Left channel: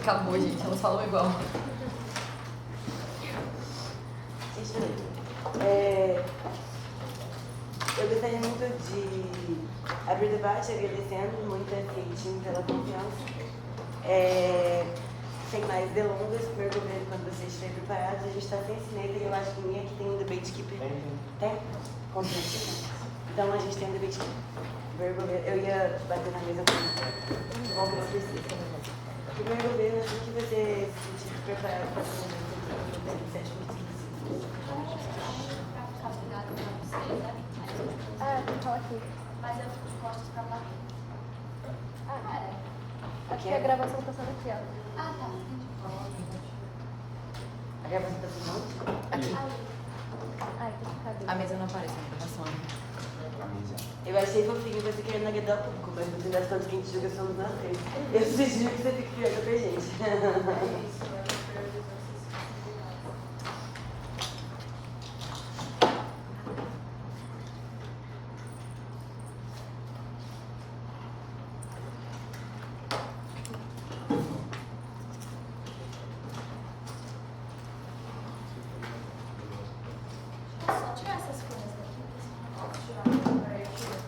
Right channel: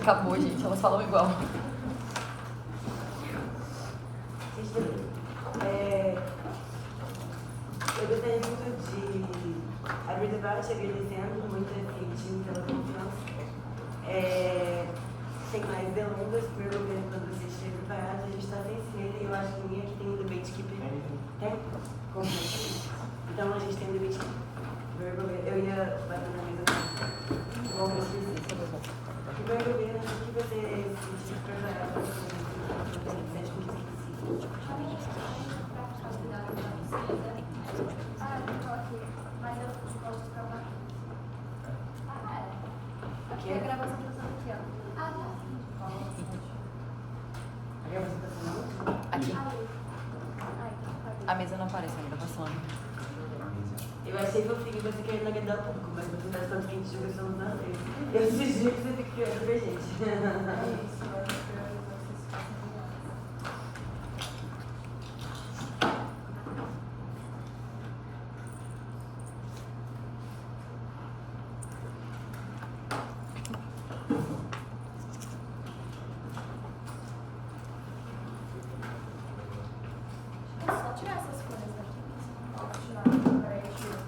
Acabou, gente, elas falam igual. Eu gostaria muito de abrir debate agradecendo muito a FIT pela confiança. Sem mais delongas, primeiro momento quando você estiver preparado, a gente está sem cineta e eu acho que ninguém aqui tem um debate que tem confiança. Então a gente tem um debate que eu ia bater na mesa com algumas pessoas. Primeiro momento, o que você se estiver preparado para responder Aqui a gravação está sendo criada. A gravação está funcionando? Aqui. A mesa não aparece na gravação. Eu achei fofinho você querendo agradar o público, mas no final das contas a gente joga só nos nós. Eu sugiro que você fique criando pra gente. É isso, eu acho que priorizou vocês. Posso só tirar essas folhas aqui? Posso tirar. Peraí, tira.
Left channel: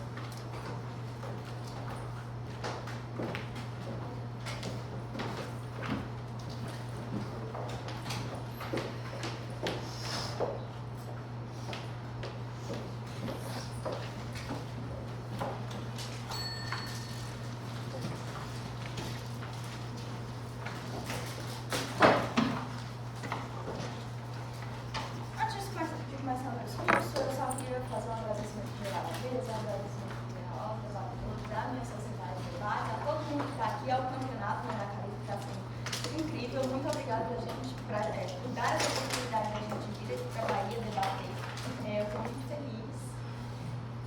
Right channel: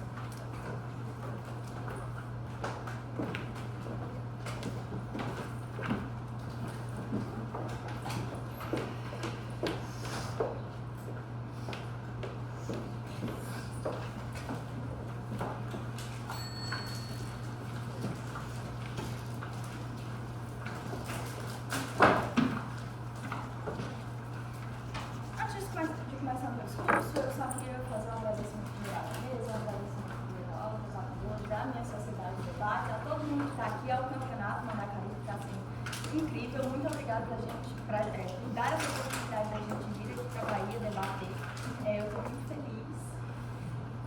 Antes de começar meu discurso, eu só queria fazer um agradecimento geral à mesa, um agradecimento geral aos alunos da minha sociedade de debate, a todo mundo que está aqui, ao campeonato Mandacaru, que está sendo incrível. Muito obrigada por dar essa oportunidade da gente vir aqui para a Bahia debater. Eu estou muito feliz.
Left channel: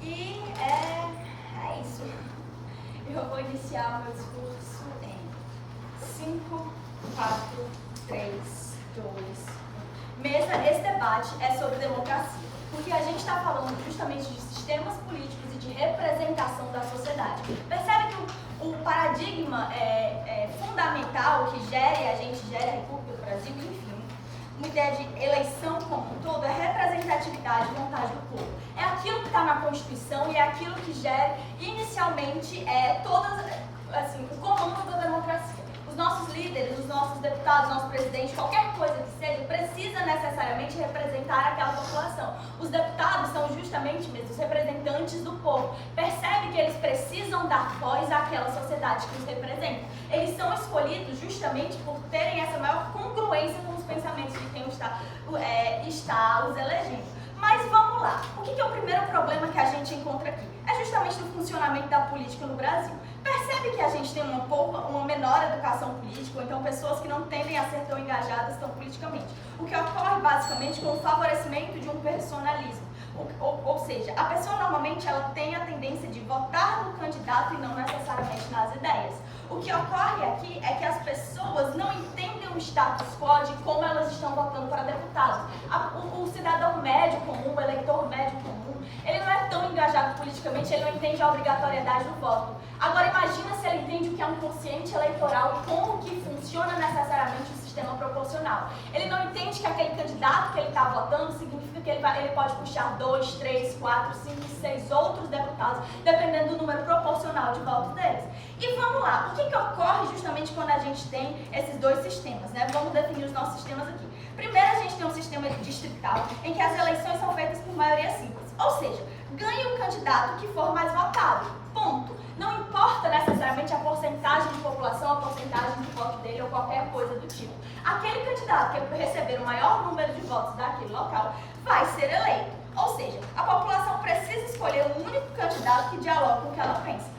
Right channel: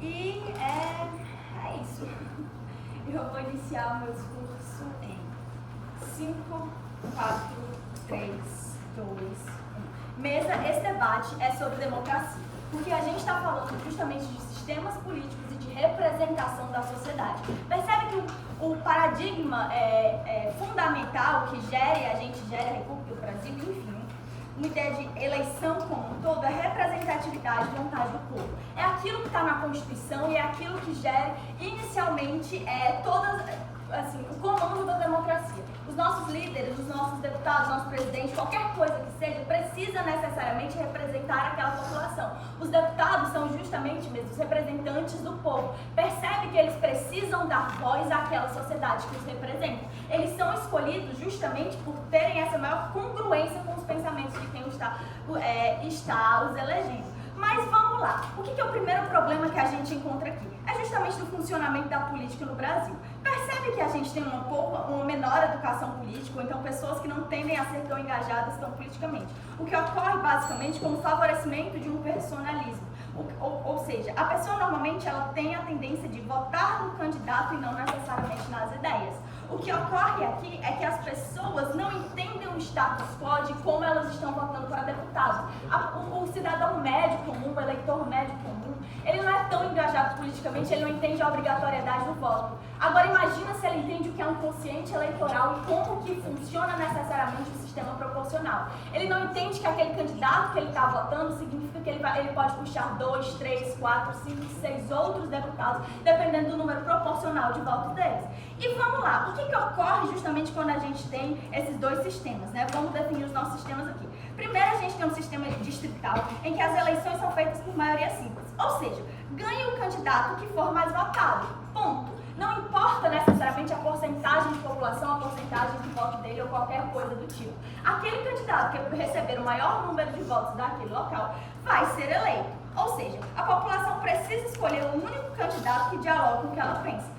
E é isso. Eu vou iniciar o meu discurso em 5, 4, 3, 2, 1. Mesa, esse debate é sobre democracia, porque a gente está falando justamente de sistemas políticos e de representação da sociedade. Percebe que o paradigma fundamental que a gente gera a República do Brasil, enfim, uma ideia de eleição como um todo, é representatividade e vontade do povo. É aquilo que está na Constituição e é aquilo que gera inicialmente o comando da democracia. Os nossos líderes, os nossos deputados, nosso presidente, qualquer coisa que seja, precisa necessariamente representar aquela população. Os deputados são justamente mesmo os representantes do povo. Percebe que eles precisam dar voz àquela sociedade que os representa. Eles são escolhidos justamente por terem essa maior congruência com os pensamentos de quem está os elegendo. Mas vamos lá. O que é o primeiro problema que a gente encontra aqui? É justamente do funcionamento da política no Brasil. Percebe que a gente tem uma menor educação política, ou então pessoas que não tendem a ser tão engajadas tão politicamente. O que ocorre basicamente com o favorecimento de um personalismo. Ou seja, a pessoa normalmente ela tem a tendência de votar no candidato e não necessariamente nas ideias. O que ocorre aqui é que as pessoas não entendem o status quo de como elas estão votando para deputados. O cidadão médio comum, o eleitor médio comum, ele não é tão engajado politicamente, ele não entende a obrigatoriedade do voto. Agora imagina se ele entende o que é um quociente eleitoral e como que funciona necessariamente o sistema proporcional. Ele não entende que aquele candidato que ele está votando significa que ele pode puxar 2, 3, 4, 5, 6 outros deputados, dependendo do número proporcional de votos deles. E vamos lá, o que ocorre justamente quando a gente tem esses dois sistemas, né? Vamos definir os nossos sistemas aqui. Primeiro, a gente tem um sistema distrital, em que as eleições são feitas por maioria simples. Ou seja, ganha o candidato que for mais votado. Ponto. Não importa necessariamente a porcentagem de população, a porcentagem de voto dele ou qualquer coisa do tipo. Aquele candidato que receber o maior número de votos daquele local vai ser eleito. Ou seja, a população precisa escolher um único candidato que dialogue com o que ela pensa.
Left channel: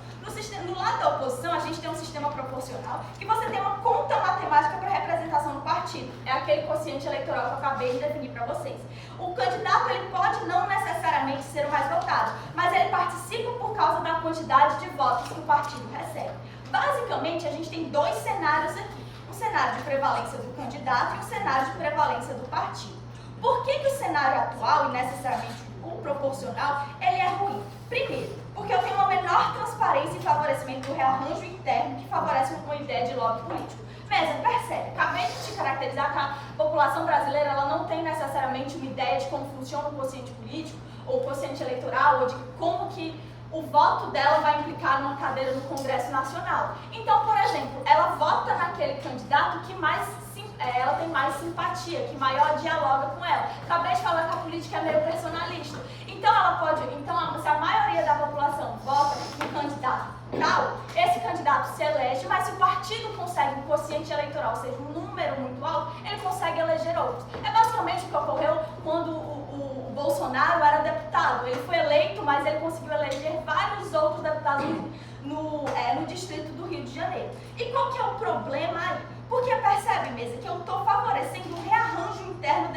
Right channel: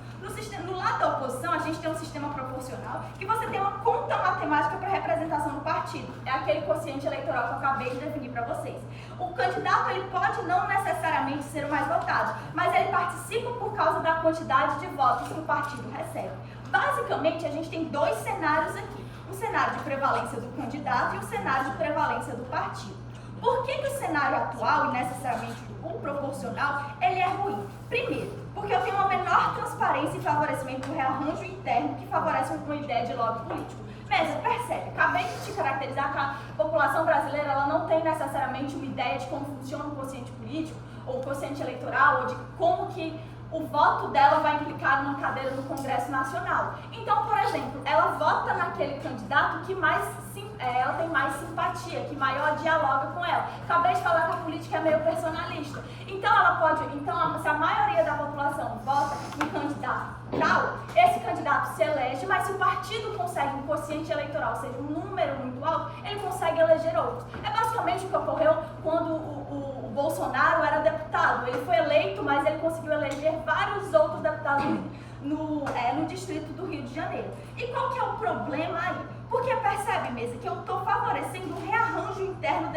No lado da oposição, a gente tem um sistema proporcional que você tem uma conta matemática para representação do partido. É aquele quociente eleitoral que eu acabei de definir para vocês. O candidato ele pode não necessariamente ser o mais votado, mas ele participa por causa da quantidade de votos que o partido recebe. Basicamente, a gente tem dois cenários aqui. Um cenário de prevalência do candidato e um cenário de prevalência do partido. Por que o cenário atual, e necessariamente o proporcional, ele é ruim? Primeiro, Porque eu tenho uma menor transparência e favorecimento do rearranjo interno que favorece uma ideia de lobby político. Mesa, percebe, acabei de te caracterizar que a população brasileira ela não tem necessariamente uma ideia de como funciona o quociente político, ou o quociente eleitoral, ou de como que o voto dela vai implicar numa cadeira no Congresso Nacional. Então, por exemplo, ela vota naquele candidato que ela tem mais simpatia, que maior dialoga com ela. Acabei de falar que a política é meio personalista. Então, se a maioria da população vota no candidato tal, esse candidato se elege, mas se o partido consegue um quociente eleitoral, ou seja, um número muito alto, ele consegue eleger outros. É basicamente o que ocorreu quando o Bolsonaro era deputado. Ele foi eleito, mas ele conseguiu eleger vários outros deputados no distrito do Rio de Janeiro. E qual que é o problema aí? Porque percebe, Mesa, que eu estou favorecendo um rearranjo interno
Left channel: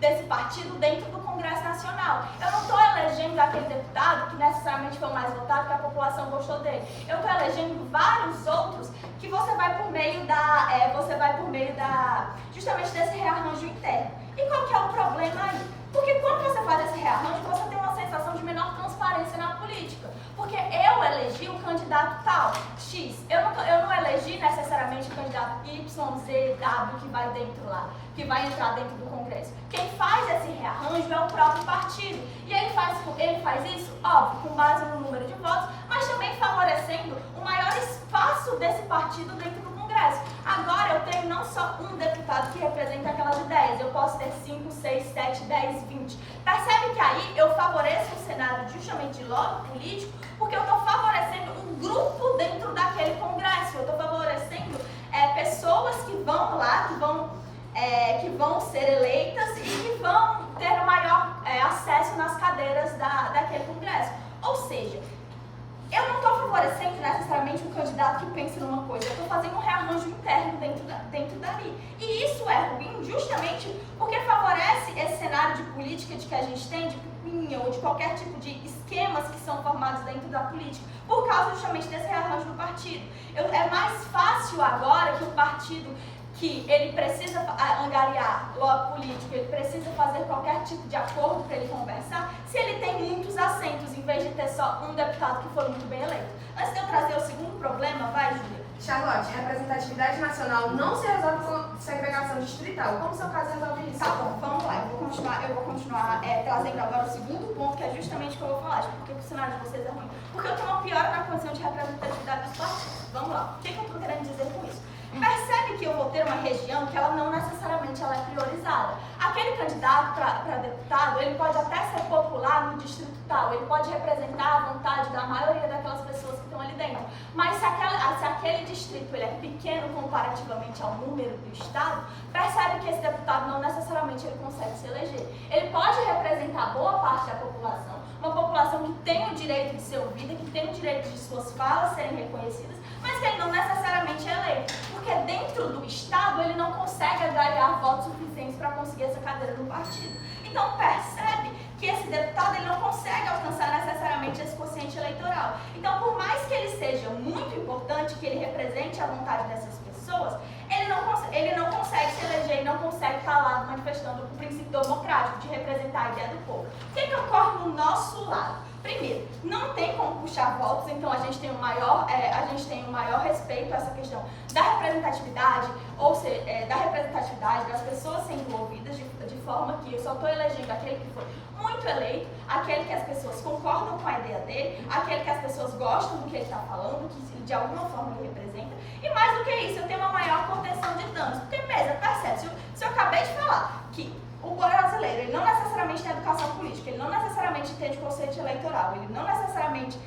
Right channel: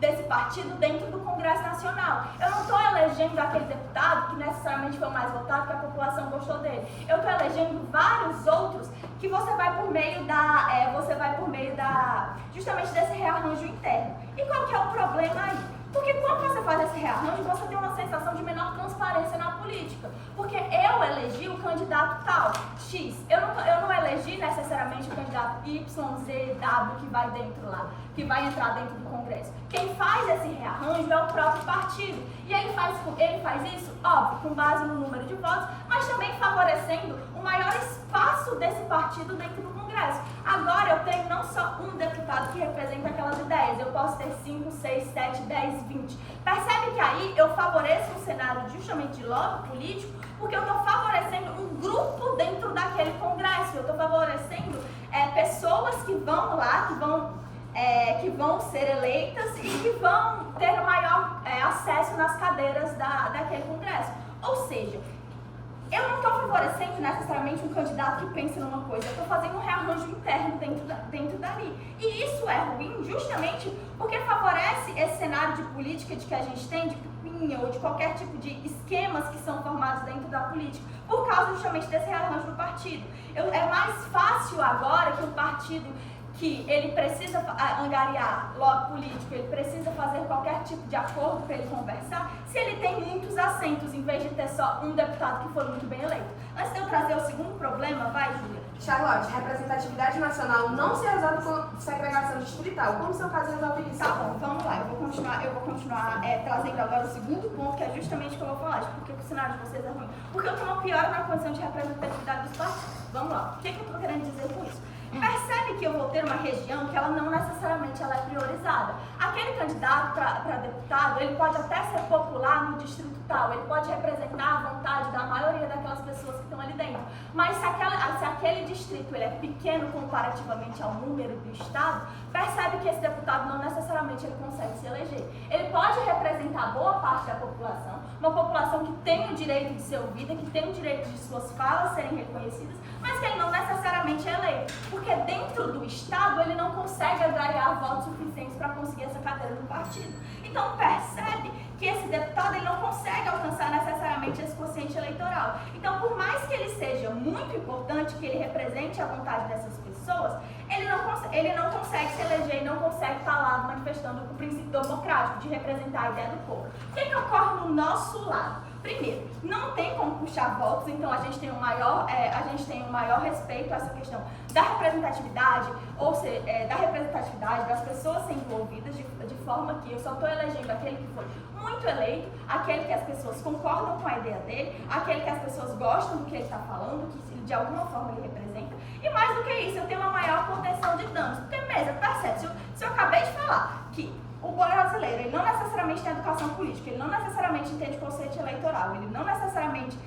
desse partido dentro do Congresso Nacional. Eu não estou elegendo aquele deputado que necessariamente foi o mais votado, que a população gostou dele. Eu estou elegendo vários outros que você vai por meio justamente desse rearranjo interno. E qual que é o problema aí? Porque quando você faz esse rearranjo, você tem uma sensação de menor transparência na política. Porque eu elegi o candidato tal, X. Eu não elegi necessariamente o candidato Y, Z, W que vai dentro lá, que vai entrar dentro do Congresso. Quem faz esse rearranjo é o próprio partido. E ele faz isso, óbvio, com base no número de votos, mas também favorecendo o maior espaço desse partido dentro do Congresso. Agora eu tenho não só um deputado que representa aquelas ideias, eu posso ter 5, 6, 7, 10, 20. Percebe que aí eu favoreço um cenário justamente de lobby político, porque eu estou favorecendo um grupo dentro daquele Congresso. Eu estou favorecendo pessoas que vão lá, que vão ser eleitas e que vão ter o maior acesso nas cadeiras daquele Congresso. Ou seja, eu não estou favorecendo necessariamente um candidato que pense numa coisa, eu estou fazendo um rearranjo interno dentro dali. E isso é ruim justamente porque favorece esse cenário de política de que a gente tem, de pipinha ou de qualquer tipo de esquemas que são formados dentro da política, por causa justamente desse rearranjo do partido. É mais fácil agora que o partido que ele precisa angariar lobby político, ele precisa fazer qualquer tipo de acordo para ele conversar, se ele tem muitos assentos, em vez de ter só um deputado que foi muito bem eleito. Antes de eu trazer o segundo problema, vai, Júlia. Charlotte, representatividade nacional não se resolve com segregação distrital. Como o seu caso resolve isso? Tá bom, vamos lá. Eu vou continuar trazendo agora o segundo ponto, que é justamente o que eu vou falar. Porque o cenário de vocês é ruim. Porque eu tenho uma piora na condição de representatividade dos partidos. Vamos lá. O que eu estou querendo dizer com isso? Percebe que eu vou ter uma região que ela não necessariamente ela é priorizada. Aquele candidato para deputado, ele pode até ser popular no distrito tal, ele pode representar a vontade da maioria daquelas pessoas que estão ali dentro. Mas se aquele distrito ele é pequeno comparativamente ao número do estado, percebe que esse deputado não necessariamente ele consegue se eleger. Ele pode representar boa parte da população, uma população que tem o direito de ser ouvida, que tem o direito de suas falas serem reconhecidas, mas que ele não necessariamente é eleito. Porque dentro do Estado ele não consegue angariar votos suficientes para conseguir essa cadeira no partido. Então percebe que esse deputado ele não consegue alcançar necessariamente esse quociente eleitoral. Então, por mais que ele seja muito importante, que ele represente a vontade dessas pessoas, ele não consegue se eleger e não consegue estar lá manifestando o princípio democrático de representar a ideia do povo. O que ocorre no nosso lado? Primeiro, não tem como puxar votos, então a gente tem um maior respeito a essa questão da representatividade, ou seja, da representatividade das pessoas sendo ouvidas de forma que eu só estou elegendo aquele que foi muito eleito, aquele que as pessoas concordam com a ideia dele, aquele que as pessoas gostam do que ele está falando, que de alguma forma ele representa, e mais do que isso, eu tenho uma maior contenção de danos, porque mesmo, percebe, se eu acabei de falar que o brasileiro, ele não necessariamente tem educação política, ele não necessariamente entende conceito eleitoral, ele não necessariamente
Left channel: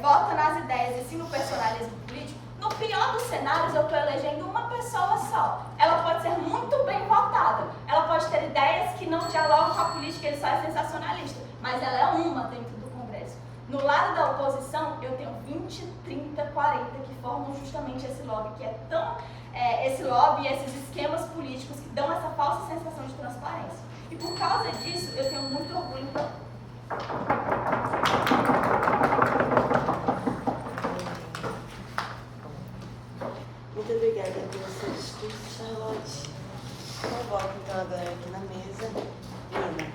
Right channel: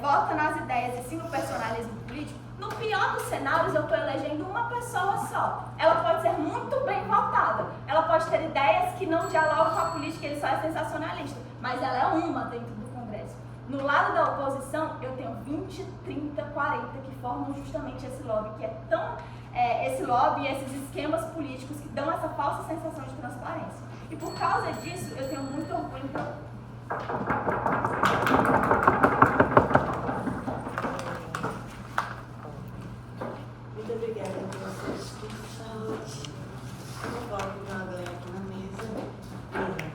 vota nas ideias e sim no personalismo político, no pior dos cenários eu estou elegendo uma pessoa só. Ela pode ser muito bem votada, ela pode ter ideias que não dialogam com a política, ele só é sensacionalista, mas ela é uma dentro do Congresso. No lado da oposição, eu tenho 20, 30, 40 que formam justamente esse lobby, que é tão... esse lobby, esses esquemas políticos que dão essa falsa sensação de transparência. E por causa disso, eu tenho muito orgulho Muito obrigada pela sua discurso, Charlotte. Eu volto então agora aqui na mesa. Ana.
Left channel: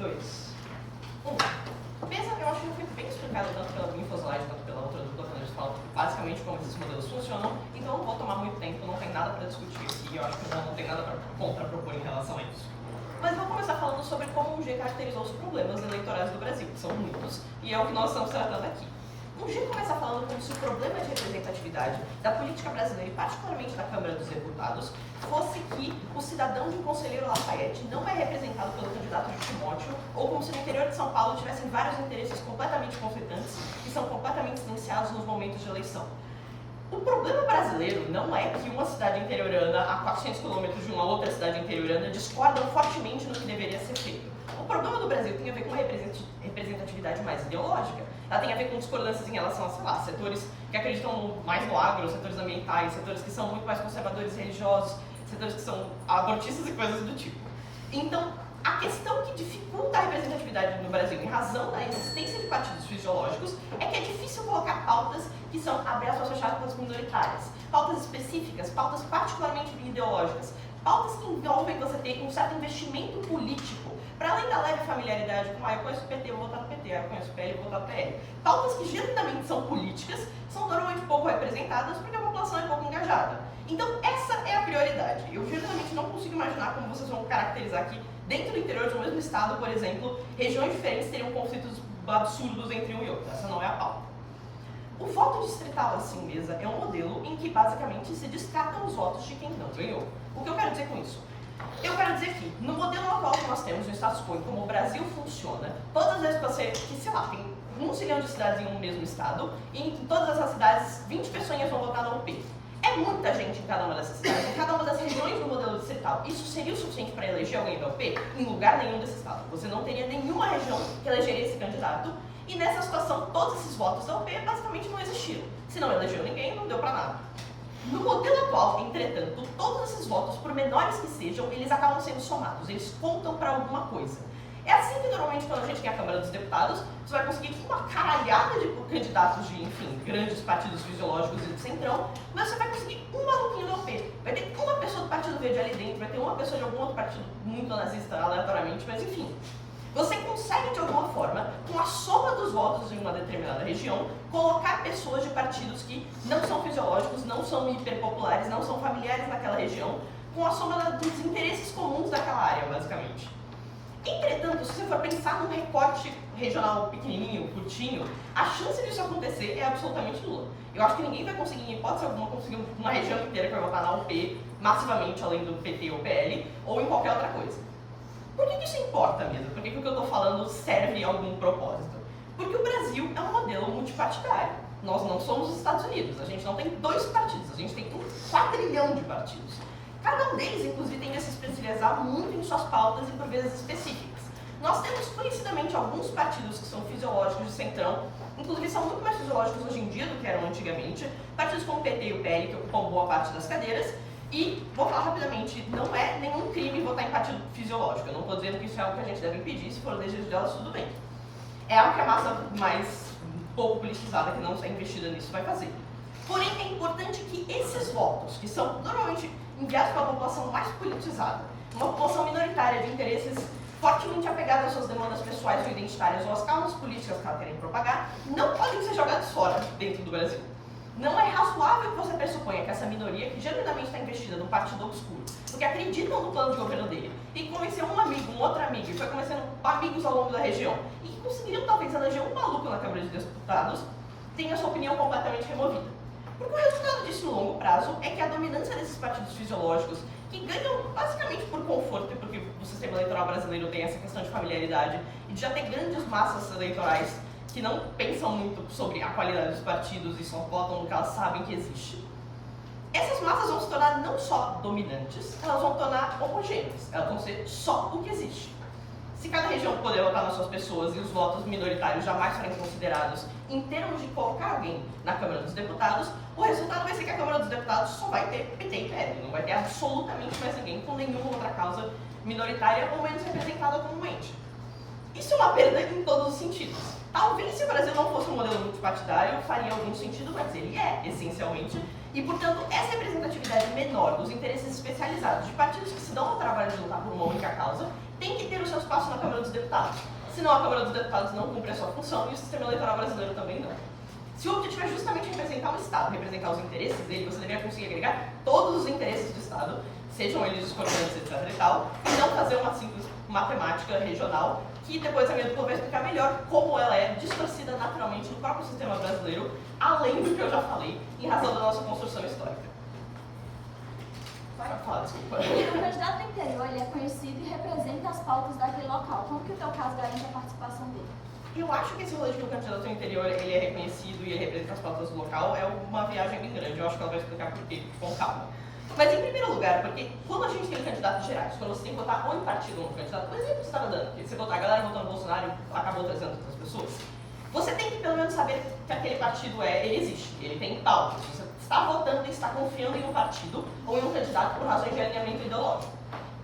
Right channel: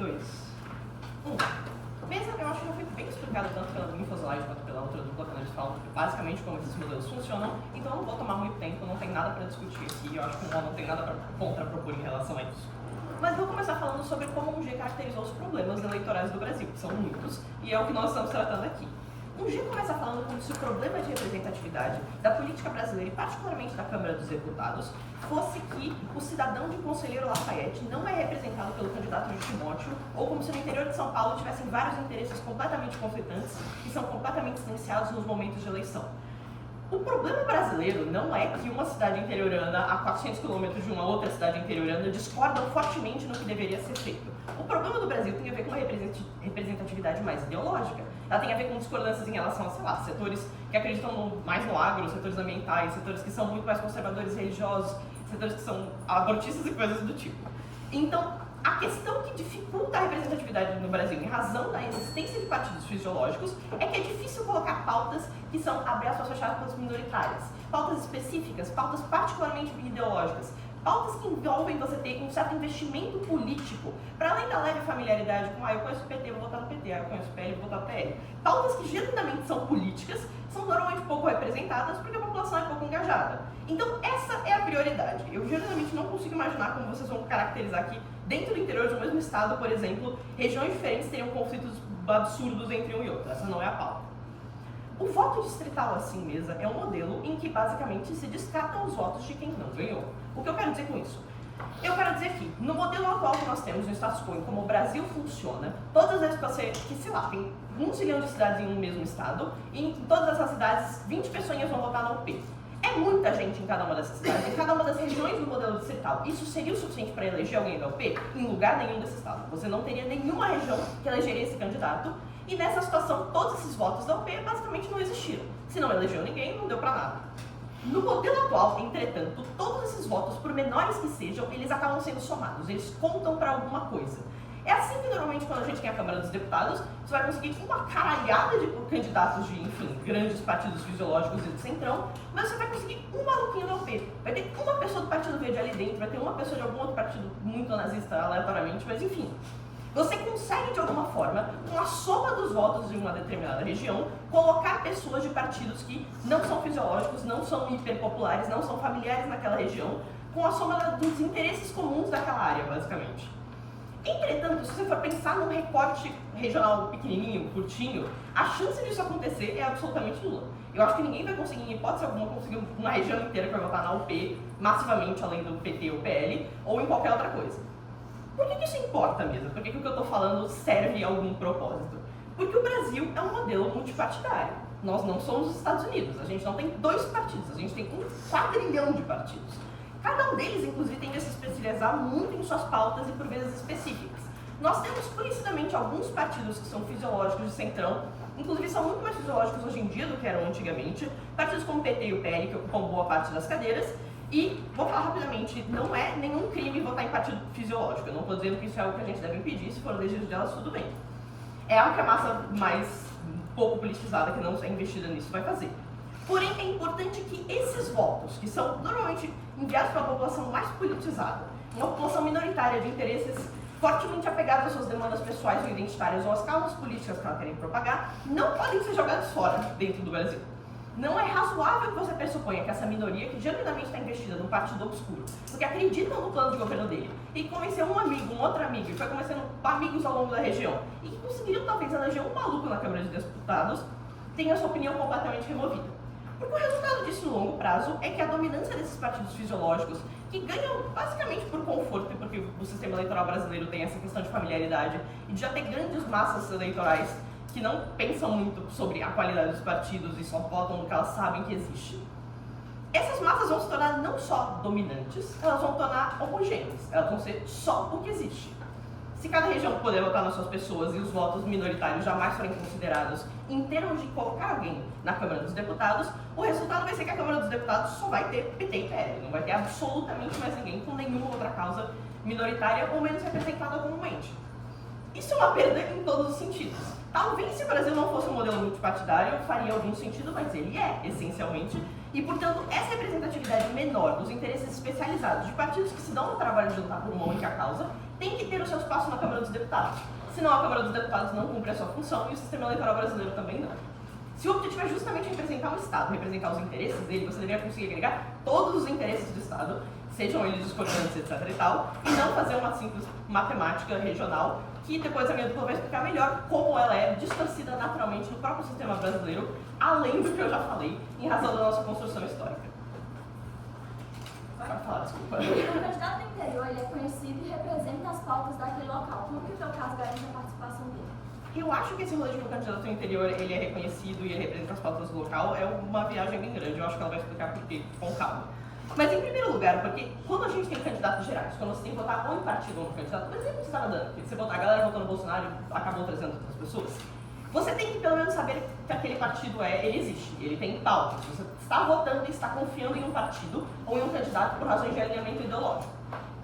2. 1. Mesa, eu acho que já foi bem explicado tanto pela Infoslide quanto pela outra dupla quando a gente fala basicamente como esses modelos funcionam, então não vou tomar muito tempo, não tem nada para discutir aqui, eu acho que não tem nada para contrapropor em relação a isso. Mas vou começar falando sobre como o G caracterizou os problemas eleitorais do Brasil, que são muitos, e é o que nós estamos tratando aqui. O G começa falando como se o problema de representatividade da política brasileira, e particularmente da Câmara dos Deputados, fosse que o cidadão de Conselheiro Lafayette não é representado pelo candidato de Timóteo, ou como se no interior de São Paulo tivessem vários interesses completamente conflitantes que são completamente silenciados nos momentos de eleição. O problema brasileiro não é que uma cidade interiorana a 400 quilômetros de uma outra cidade interiorana discordam fortemente no que deveria ser feito. O problema do Brasil tem a ver com uma representatividade mais ideológica. Ela tem a ver com discordâncias em relação a, sei lá, setores que acreditam mais no agro, setores ambientais, setores que são muito mais conservadores religiosos, setores que são abortistas e coisas do tipo. Então, a questão que dificulta a representatividade no Brasil, em razão da existência de partidos fisiológicos, é que é difícil colocar pautas que são, abre aspas, fechadas, minoritárias. Pautas específicas, pautas particularmente ideológicas, pautas que envolvem você ter um certo investimento político, para além da leve familiaridade com, eu conheço o PT, vou votar no PT, eu conheço o PL, vou votar no PL. Pautas que genuinamente são políticas, são normalmente pouco representadas porque a população é pouco engajada. Então, essa é a prioridade. Eu genuinamente não consigo imaginar como vocês vão caracterizar aqui, dentro do interior de um mesmo estado, por exemplo, regiões diferentes teriam conflitos absurdos entre um e outro. Essa não é a pauta. O voto distrital assim mesmo é um modelo em que basicamente se descartam os votos de quem não ganhou. O que eu quero dizer com isso? Eu quero dizer que, no modelo atual que nós temos, no status quo, como o Brasil funciona, todas as vezes que você, sei lá, tem 1 zilhão de cidades em um mesmo estado, e em todas essas cidades, 20 pessoas vão votar na UP. É muita gente em cada uma dessas cidades, em cada uma das regiões do modelo distrital. Isso seria o suficiente para eleger alguém da UP? Em lugar nenhum desse estado. Você não teria nenhuma região que elegeria esse candidato, e nessa situação, todos esses votos da UP basicamente não existiram. Se não elegeu ninguém, não deu para nada. No modelo atual, entretanto, todos esses votos, por menores que sejam, eles acabam sendo somados, eles contam para alguma coisa. É assim que normalmente quando a gente tem a Câmara dos Deputados, você vai conseguir uma caralhada de candidatos de, enfim, grandes partidos fisiológicos e do centrão, mas você vai conseguir um maluquinho do UP. Vai ter uma pessoa do Partido Verde ali dentro, vai ter uma pessoa de algum outro partido muito nazista aleatoriamente, mas enfim. Você consegue, de alguma forma, com a soma dos votos de uma determinada região, colocar pessoas de partidos que não são fisiológicos, não são hiperpopulares, não são familiares naquela região, com a soma dos interesses comuns daquela área, basicamente. Entretanto, se você for pensar num recorte regional pequenininho, curtinho, a chance disso acontecer é absolutamente nula. Eu acho que ninguém vai conseguir, em hipótese alguma, conseguir uma região inteira que vai votar na UP, massivamente, além do PT ou PL, ou em qualquer outra coisa. Por que isso importa mesmo? Por que o que eu estou falando serve a algum propósito? Porque o Brasil é um modelo multipartidário. Nós não somos os Estados Unidos, a gente não tem 2 partidos, a gente tem 1 quadrilhão de partidos. Cada um deles, inclusive, tende a se especializar muito em suas pautas e por vezes específicas. Nós temos conhecidamente alguns partidos que são fisiológicos de centrão, inclusive são muito mais fisiológicos hoje em dia do que eram antigamente, partidos como o PT e o PL, que ocupam boa parte das cadeiras, e, vou falar rapidamente, não é nenhum crime votar em partido fisiológico. Eu não estou dizendo que isso é algo que a gente deve impedir, se for o desejo delas, tudo bem. É algo que a massa mais pouco politizada, que não é investida nisso, vai fazer. Porém, é importante que esses votos, que são normalmente enviados para a população mais politizada, uma população minoritária de interesses fortemente apegados às suas demandas pessoais ou identitárias ou às causas políticas que ela querem propagar, não podem ser jogados fora dentro do Brasil. Não é razoável que você pressuponha que essa minoria, que genuinamente está investida num partido obscuro, porque acreditam no plano de governo dele, e que convenceu um amigo, um outro amigo, e foi convencendo amigos ao longo da região, e que conseguiriam talvez eleger um maluco na Câmara de Deputados, tenha sua opinião completamente removida. Porque o resultado disso no longo prazo é que a dominância desses partidos fisiológicos, que ganham basicamente por conforto, porque o sistema eleitoral brasileiro tem essa questão de familiaridade, e de já ter grandes massas eleitorais que não pensam muito sobre a qualidade dos partidos e só votam no que elas sabem que existe. Essas massas vão se tornar não só dominantes, elas vão tornar homogêneas, elas vão ser só o que existe. Se cada região puder votar nas suas pessoas e os votos minoritários jamais forem considerados em termos de colocar alguém na Câmara dos Deputados, o resultado vai ser que a Câmara dos Deputados só vai ter PT e PL, não vai ter absolutamente mais ninguém com nenhuma outra causa minoritária ou menos representada comumente. Isso é uma perda em todos os sentidos. Talvez se o Brasil não fosse um modelo multipartidário, faria algum sentido, mas ele é, essencialmente, E, portanto, essa representatividade menor dos interesses especializados de partidos que se dão ao trabalho de lutar por uma única causa tem que ter o seu espaço na Câmara dos Deputados. Senão a Câmara dos Deputados não cumpre a sua função e o sistema eleitoral brasileiro também não. Se o objetivo é justamente representar o Estado, representar os interesses dele, você deveria conseguir agregar todos os interesses do Estado, sejam eles discordantes, etc e tal, e não fazer uma simples matemática regional, que depois a minha dupla vai explicar melhor como ela é distorcida naturalmente no próprio sistema brasileiro, além do que eu já falei, em razão da nossa construção histórica. Vai falar, desculpa. O candidato do interior ele é conhecido e representa as pautas daquele local. Como que o teu caso garante a participação dele? Eu acho que esse rolê de que o candidato do interior ele é reconhecido e ele representa as pautas do local é uma viagem bem grande. Eu acho que ela vai explicar por quê, com calma. Mas em primeiro lugar, porque quando a gente tem candidatos gerais, quando você tem que votar ou em partido ou no candidato, por exemplo, você estava dando, porque você votar, a galera votando no Bolsonaro acabou trazendo outras pessoas, você tem que pelo menos saber que aquele partido ele existe, ele tem pauta. Você está votando e está confiando em um partido ou em um candidato por razões de alinhamento ideológico.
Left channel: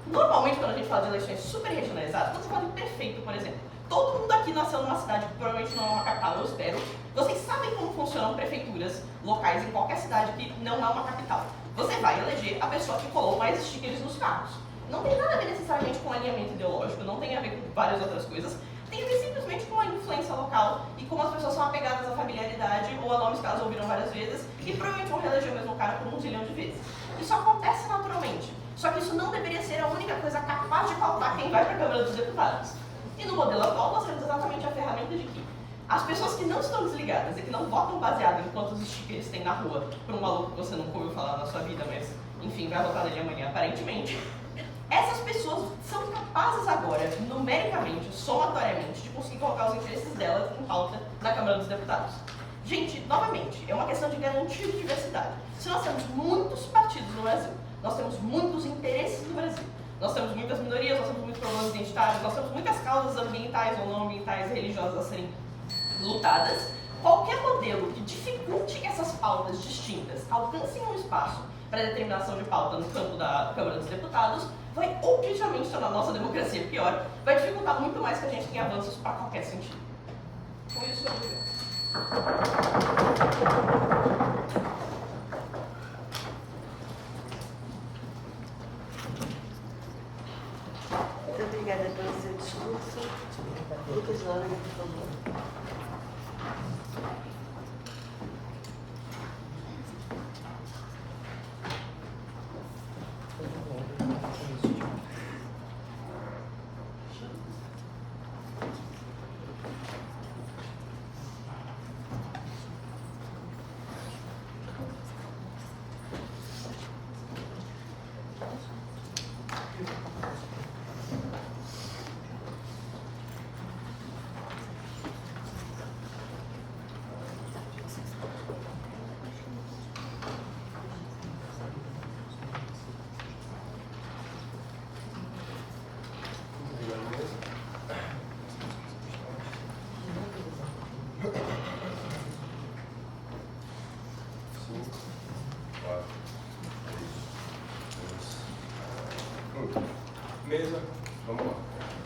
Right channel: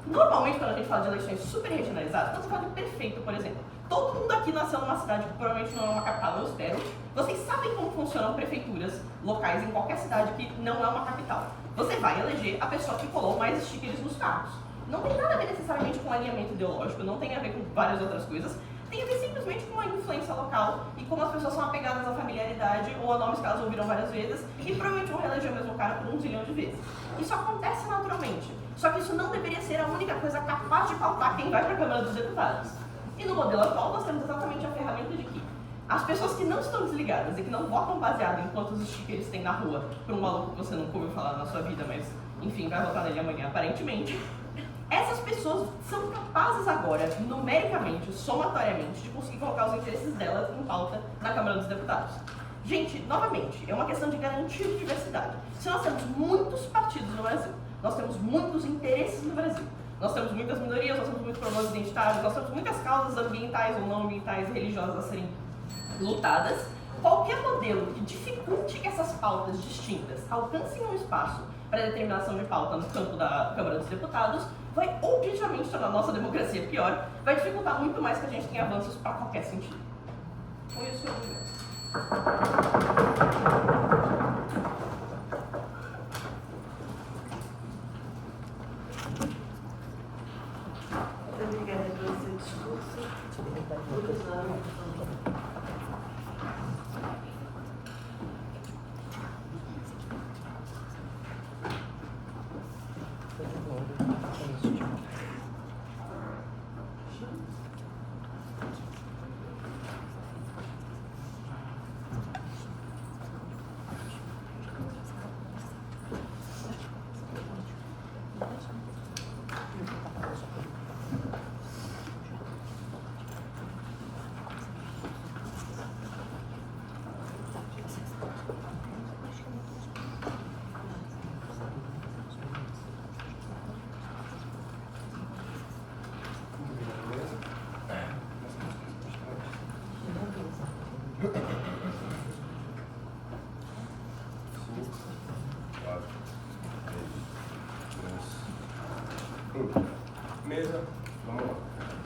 Normalmente, quando a gente fala de eleições super regionalizadas, quando você fala de prefeito, por exemplo, todo mundo aqui nasceu numa cidade que provavelmente não é uma capital, eu espero. Vocês sabem como funcionam prefeituras locais em qualquer cidade que não é uma capital. Você vai eleger a pessoa que colou mais stickers nos carros. Não tem nada a ver necessariamente com alinhamento ideológico, não tem a ver com várias outras coisas. Tem a ver simplesmente com a influência local e como as pessoas são apegadas à familiaridade ou a nomes que elas ouviram várias vezes e provavelmente vão reeleger o mesmo cara por 1 zilhão de vezes. Isso acontece naturalmente. Só que isso não deveria ser a única coisa capaz de pautar quem vai para a Câmara dos Deputados. E no modelo atual nós temos exatamente a ferramenta de que as pessoas que não estão desligadas e que não votam baseado em quantos stickers tem na rua por um maluco que você nunca ouviu falar na sua vida, mas enfim, vai votar nele amanhã aparentemente, essas pessoas são capazes agora, numericamente, somatoriamente, de conseguir colocar os interesses delas em pauta na Câmara dos Deputados. Gente, novamente, é uma questão de garantir diversidade. Se nós temos muitos partidos no Brasil, nós temos muitos interesses no Brasil, nós temos muitas minorias, nós temos muitos problemas identitários, nós temos muitas causas ambientais ou não ambientais e religiosas a serem lutadas. Qualquer modelo que dificulte que essas pautas distintas alcancem um espaço para determinação de pauta no campo da Câmara dos Deputados vai objetivamente tornar a nossa democracia pior, vai dificultar muito mais que a gente tenha avanços para qualquer sentido. Com isso, obrigado. Muito obrigada pelo seu discurso. Lucas Laura, Mesa, vamos lá.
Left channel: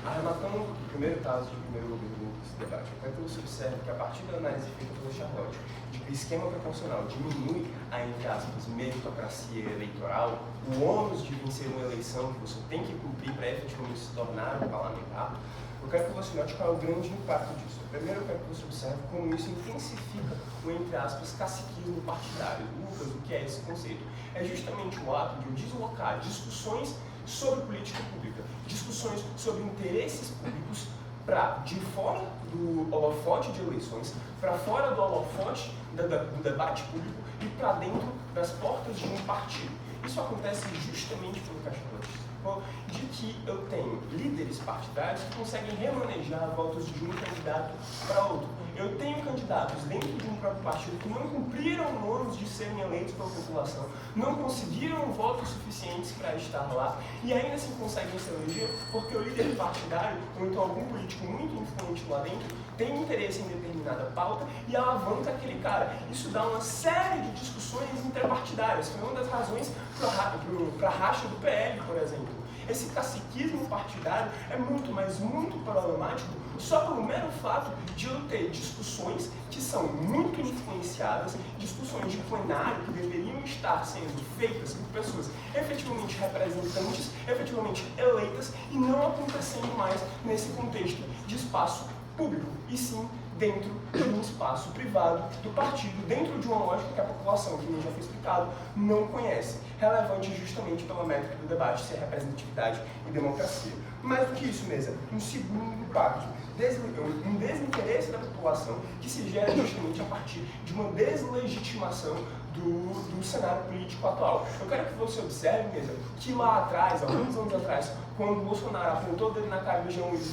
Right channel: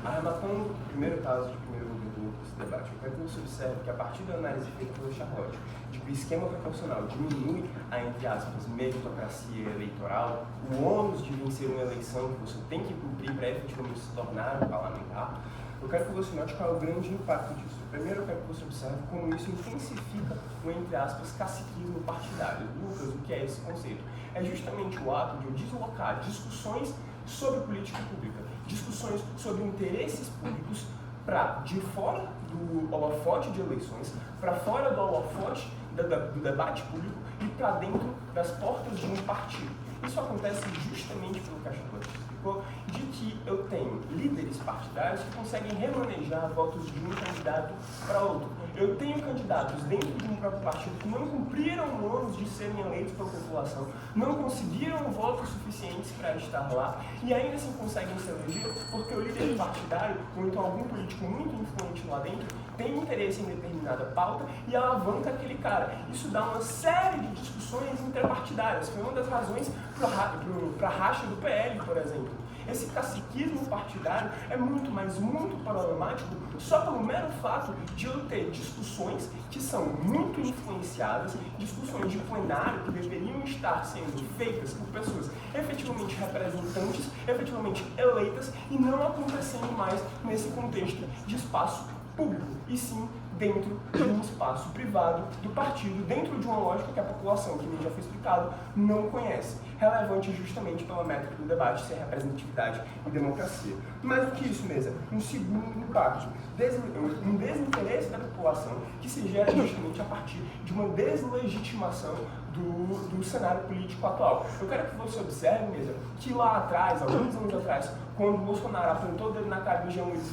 Arrematando o primeiro caso de primeiro governo desse debate, eu quero que você observe que a partir da análise feita pela Charlotte, de que o esquema proporcional diminui a, entre aspas, meritocracia eleitoral, o ônus de vencer uma eleição que você tem que cumprir para efetivamente se tornar um parlamentar, eu quero que você note qual é o grande impacto disso. Primeiro, eu quero que você observe como isso intensifica o, entre aspas, caciquismo partidário. Lucas, o que é esse conceito? É justamente o ato de eu deslocar discussões sobre política pública, discussões sobre interesses públicos para de fora do holofote de eleições, para fora do holofote do debate público e para dentro das portas de um partido. Isso acontece justamente pelo que a Charlotte explicou, de que eu tenho líderes partidários que conseguem remanejar votos de um candidato para outro. Eu tenho candidatos dentro de um próprio partido que não cumpriram o ônus de serem eleitos pela população, não conseguiram votos suficientes para estar lá e ainda assim conseguem se eleger porque o líder partidário, ou então algum político muito influente lá dentro, tem interesse em determinada pauta e alavanca aquele cara. Isso dá uma série de discussões interpartidárias. Foi uma das razões para a racha do PL, por exemplo. Esse caciquismo partidário é muito, mas muito problemático só pelo mero fato de eu ter discussões que são muito influenciadas, discussões de plenário que deveriam estar sendo feitas por pessoas efetivamente representantes, efetivamente eleitas e não acontecendo mais nesse contexto de espaço público, e sim dentro de um espaço privado do partido, dentro de uma lógica que a população, que nem já foi explicado, não conhece. Relevante justamente pela métrica do debate, ser representatividade e democracia. Mais do que isso mesmo, um segundo impacto, um desinteresse da população que se gera justamente a partir de uma deslegitimação do cenário político atual. Eu quero que você observe mesmo que lá atrás, alguns anos atrás, quando o Bolsonaro apontou o dedo na cara do Jean Luiz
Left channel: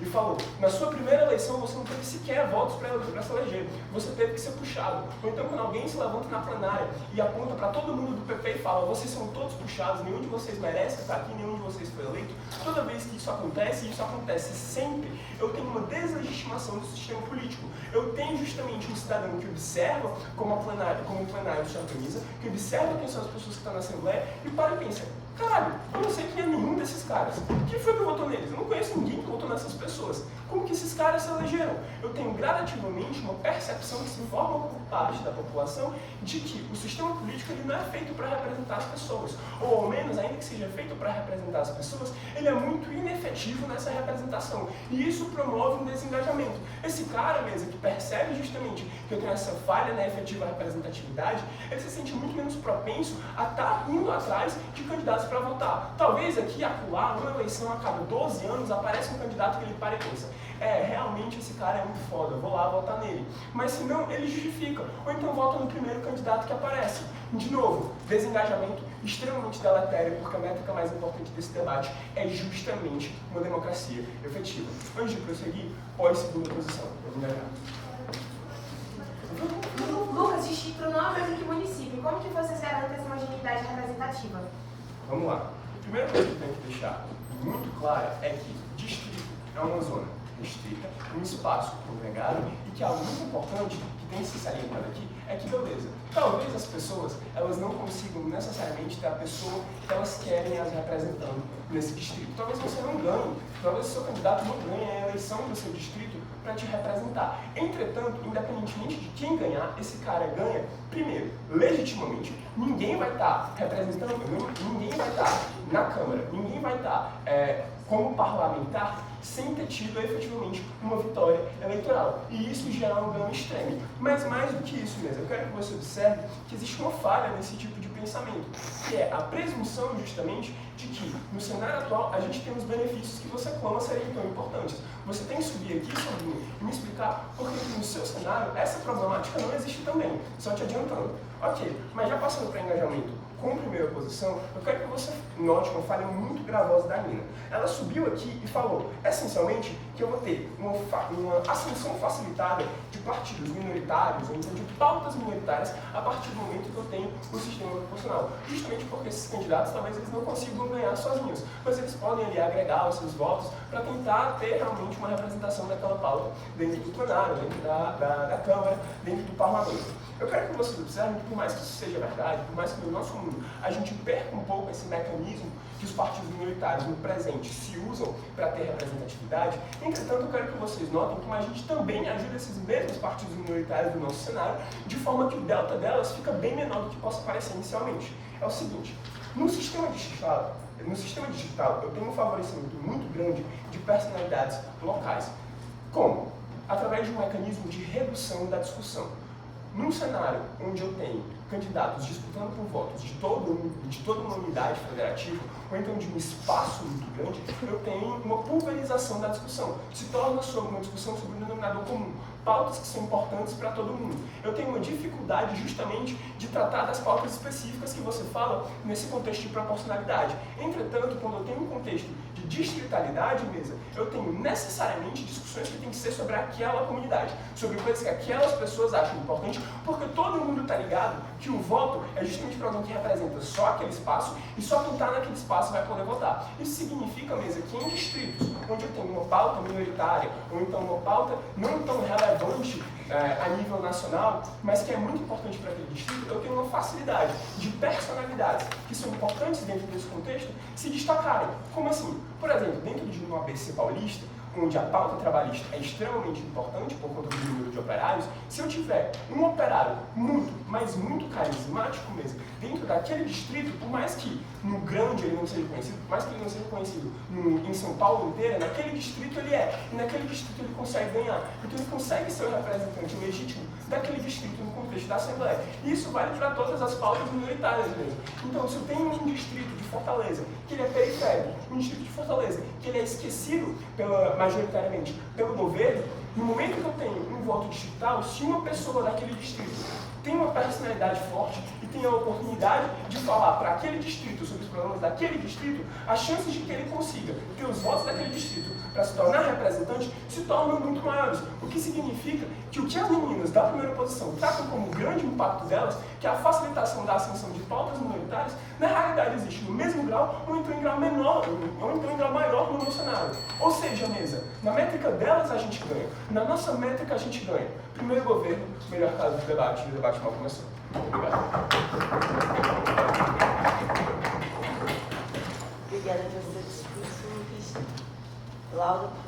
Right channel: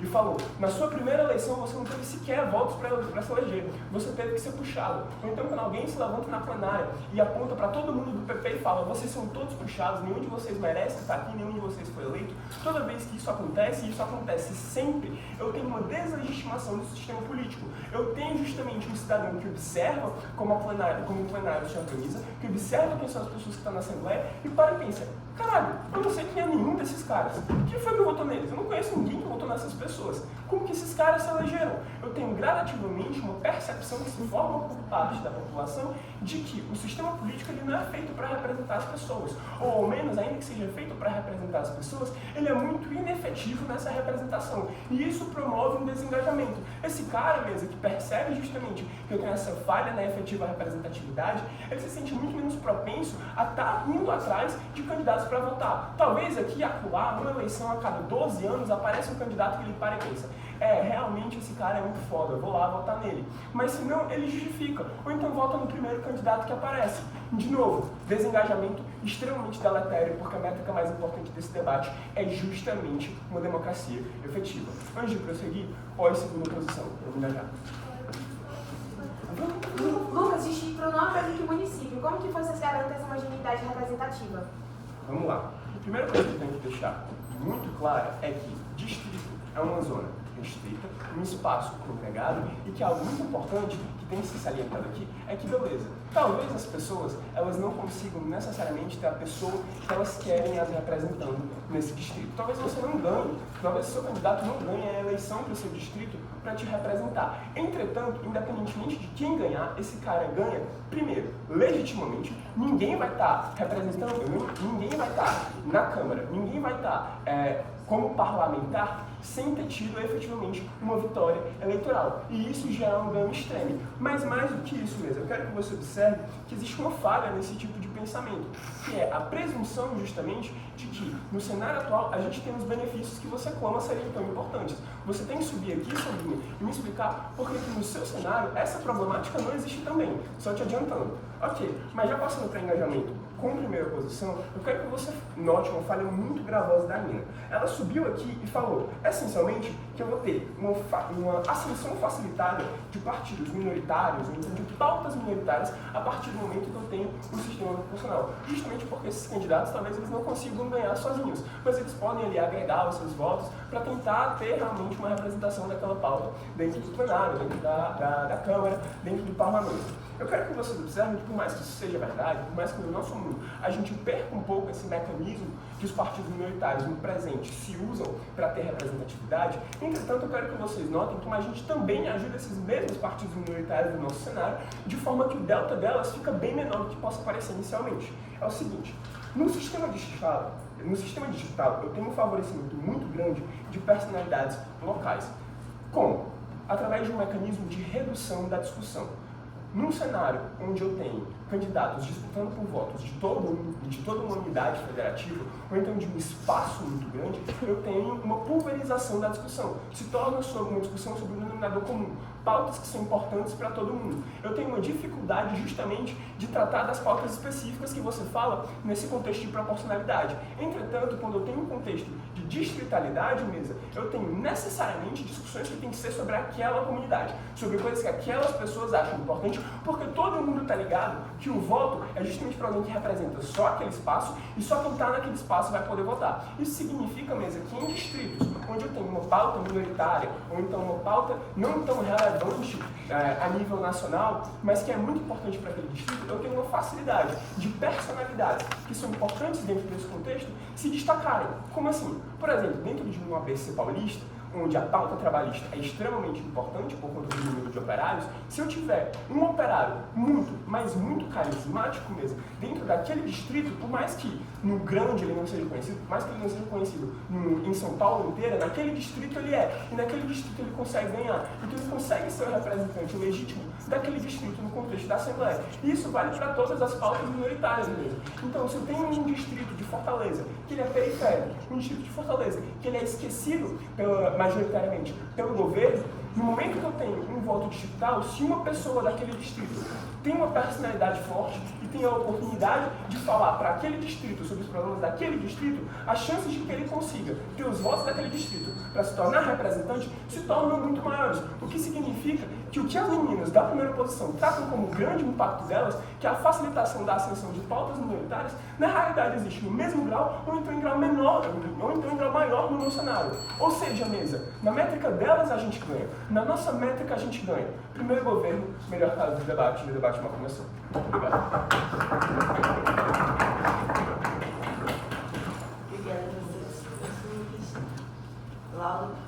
e falou, na sua primeira eleição você não teve sequer votos para se eleger, você teve que ser puxado. Ou então quando alguém se levanta na plenária e aponta para todo mundo do PP e fala, vocês são todos puxados, nenhum de vocês merece estar aqui, nenhum de vocês foi eleito, toda vez que isso acontece, e isso acontece sempre, eu tenho uma deslegitimação do sistema político. Eu tenho justamente um cidadão que observa como o plenário se organiza, que observa quem são as pessoas que estão na Assembleia e para e pensa, caralho, eu não sei quem é nenhum desses caras. Quem foi que votou neles? Eu não conheço ninguém que votou nessas pessoas. Como que esses caras se elegeram? Eu tenho gradativamente uma percepção que se forma por parte da população de que o sistema político ele não é feito para representar as pessoas. Ou ao menos, ainda que seja feito para representar as pessoas, ele é muito inefetivo nessa representação. E isso promove um desengajamento. Esse cara mesmo que percebe justamente que eu tenho essa falha na efetiva representatividade, ele se sente muito menos propenso a estar indo atrás de candidatos para votar. Talvez aqui, acolá, numa eleição a cada 12 anos, aparece um candidato que ele para e pensa, realmente esse cara é muito foda, eu vou lá votar nele. Mas se não, ele justifica. Ou então vota no primeiro candidato que aparece. De novo, desengajamento extremamente deletério, porque a métrica mais importante desse debate é justamente uma democracia efetiva. Antes de prosseguir, pós segunda posição. Eu vou engajar. Lucas, distrito não é de município. Como que vocês garantem essa homogeneidade representativa? Vamos lá. A primeira coisa que eu tenho que deixar muito clara é que distrito é uma zona restrita, um espaço congregado e que algo muito importante que tem se salientado aqui é que, beleza, talvez as pessoas elas não consigam necessariamente ter a pessoa que elas querem as representando nesse distrito. Talvez você não ganhe, talvez o seu candidato não ganhe a eleição para o seu distrito para te representar. Entretanto, independentemente de quem ganhar, esse cara ganha, primeiro, legitimamente, ninguém vai estar representando, ninguém vai estar na Câmara, ninguém vai estar como parlamentar sem ter tido efetivamente uma vitória eleitoral. E isso gera um dano extremo. Mas mais do que isso mesmo, eu quero que você observe que existe uma falha nesse tipo de pensamento, que é a presunção justamente de que no cenário atual a gente tem os benefícios que você clama serem tão importantes. Você tem que subir aqui, Sobrinha, e me explicar por que no seu cenário essa problemática não existe também, só te adiantando. Ok, mas já passando para engajamento com primeira posição, eu quero que você note uma falha muito gravosa da Nina. Ela subiu aqui e falou, essencialmente, que eu vou ter uma ascensão facilitada de partidos minoritários, ou então de pautas minoritárias, a partir do momento que eu tenho um sistema proporcional. Justamente porque esses candidatos, talvez eles não consigam ganhar sozinhos, mas eles podem ali agregar os seus votos para tentar ter realmente uma representação daquela pauta dentro do plenário, dentro da Câmara, dentro do Parlamento. Eu quero que vocês observem que, por mais que isso seja verdade, por mais que no nosso mundo a gente perca um pouco esse mecanismo que os partidos minoritários no presente se usam para ter representatividade, entretanto eu quero que vocês notem como a gente também ajuda esses mesmos partidos minoritários do nosso cenário, de forma que o delta delas fica bem menor do que possa parecer inicialmente. É o seguinte, no sistema digital eu tenho um favorecimento muito grande de personalidades locais. Como? Através de um mecanismo de redução da discussão. Num cenário onde eu tenho candidatos disputando por votos de toda uma unidade federativa, ou então de um espaço muito grande, eu tenho uma pulverização da discussão. Se torna uma discussão sobre um denominador comum, pautas que são importantes para todo mundo. Eu tenho uma dificuldade justamente de tratar das pautas específicas que você fala nesse contexto de proporcionalidade. Entretanto, quando eu tenho um contexto de distritalidade, mesa, eu tenho necessariamente discussões que tem que ser sobre aquela comunidade, sobre coisas que aquelas pessoas acham importante, porque todo mundo está ligado que o voto é justamente para alguém que representa só aquele espaço e só quem está naquele espaço vai poder votar. Isso significa, mesa, que em distritos onde eu tenho uma pauta minoritária ou então uma pauta não tão relevante a nível nacional, mas que é muito importante para aquele distrito, eu tenho uma facilidade de personalidades que são importantes dentro desse contexto se destacarem. Como assim? Por exemplo, dentro de uma ABC paulista, onde a pauta trabalhista é extremamente importante por conta do número de operários, se eu tiver um operário muito, mas muito carismático mesmo, dentro daquele distrito, por mais que no grande ele não seja conhecido, por mais que ele não seja conhecido em São Paulo inteira, naquele distrito ele é, e naquele distrito ele consegue ganhar, então ele consegue ser o representante legítimo daquele distrito no contexto da Assembleia. E isso vale para todas as pautas minoritárias mesmo. Então, se eu tenho um distrito de Fortaleza, que ele é periférico, um distrito de Fortaleza, que ele é esquecido majoritariamente pelo governo, no momento que eu tenho um voto distrital, se uma pessoa daquele distrito tem uma personalidade forte e tem a oportunidade de falar para aquele distrito sobre os problemas daquele distrito, as chances de que ele consiga ter os votos daquele distrito para se tornar representante se tornam muito maiores. O que significa que o que as meninas da primeira oposição tratam como grande impacto delas, que é a facilitação da ascensão de pautas minoritárias, na realidade existe no mesmo grau ou então em grau menor, ou então em grau maior no meu cenário. Ou seja, mesa, na métrica delas a gente ganha, na nossa métrica a gente ganha. Primeiro governo, melhor caso de debate, e o debate mal começou. Obrigado. Obrigada, meus Deus. Laura, por favor.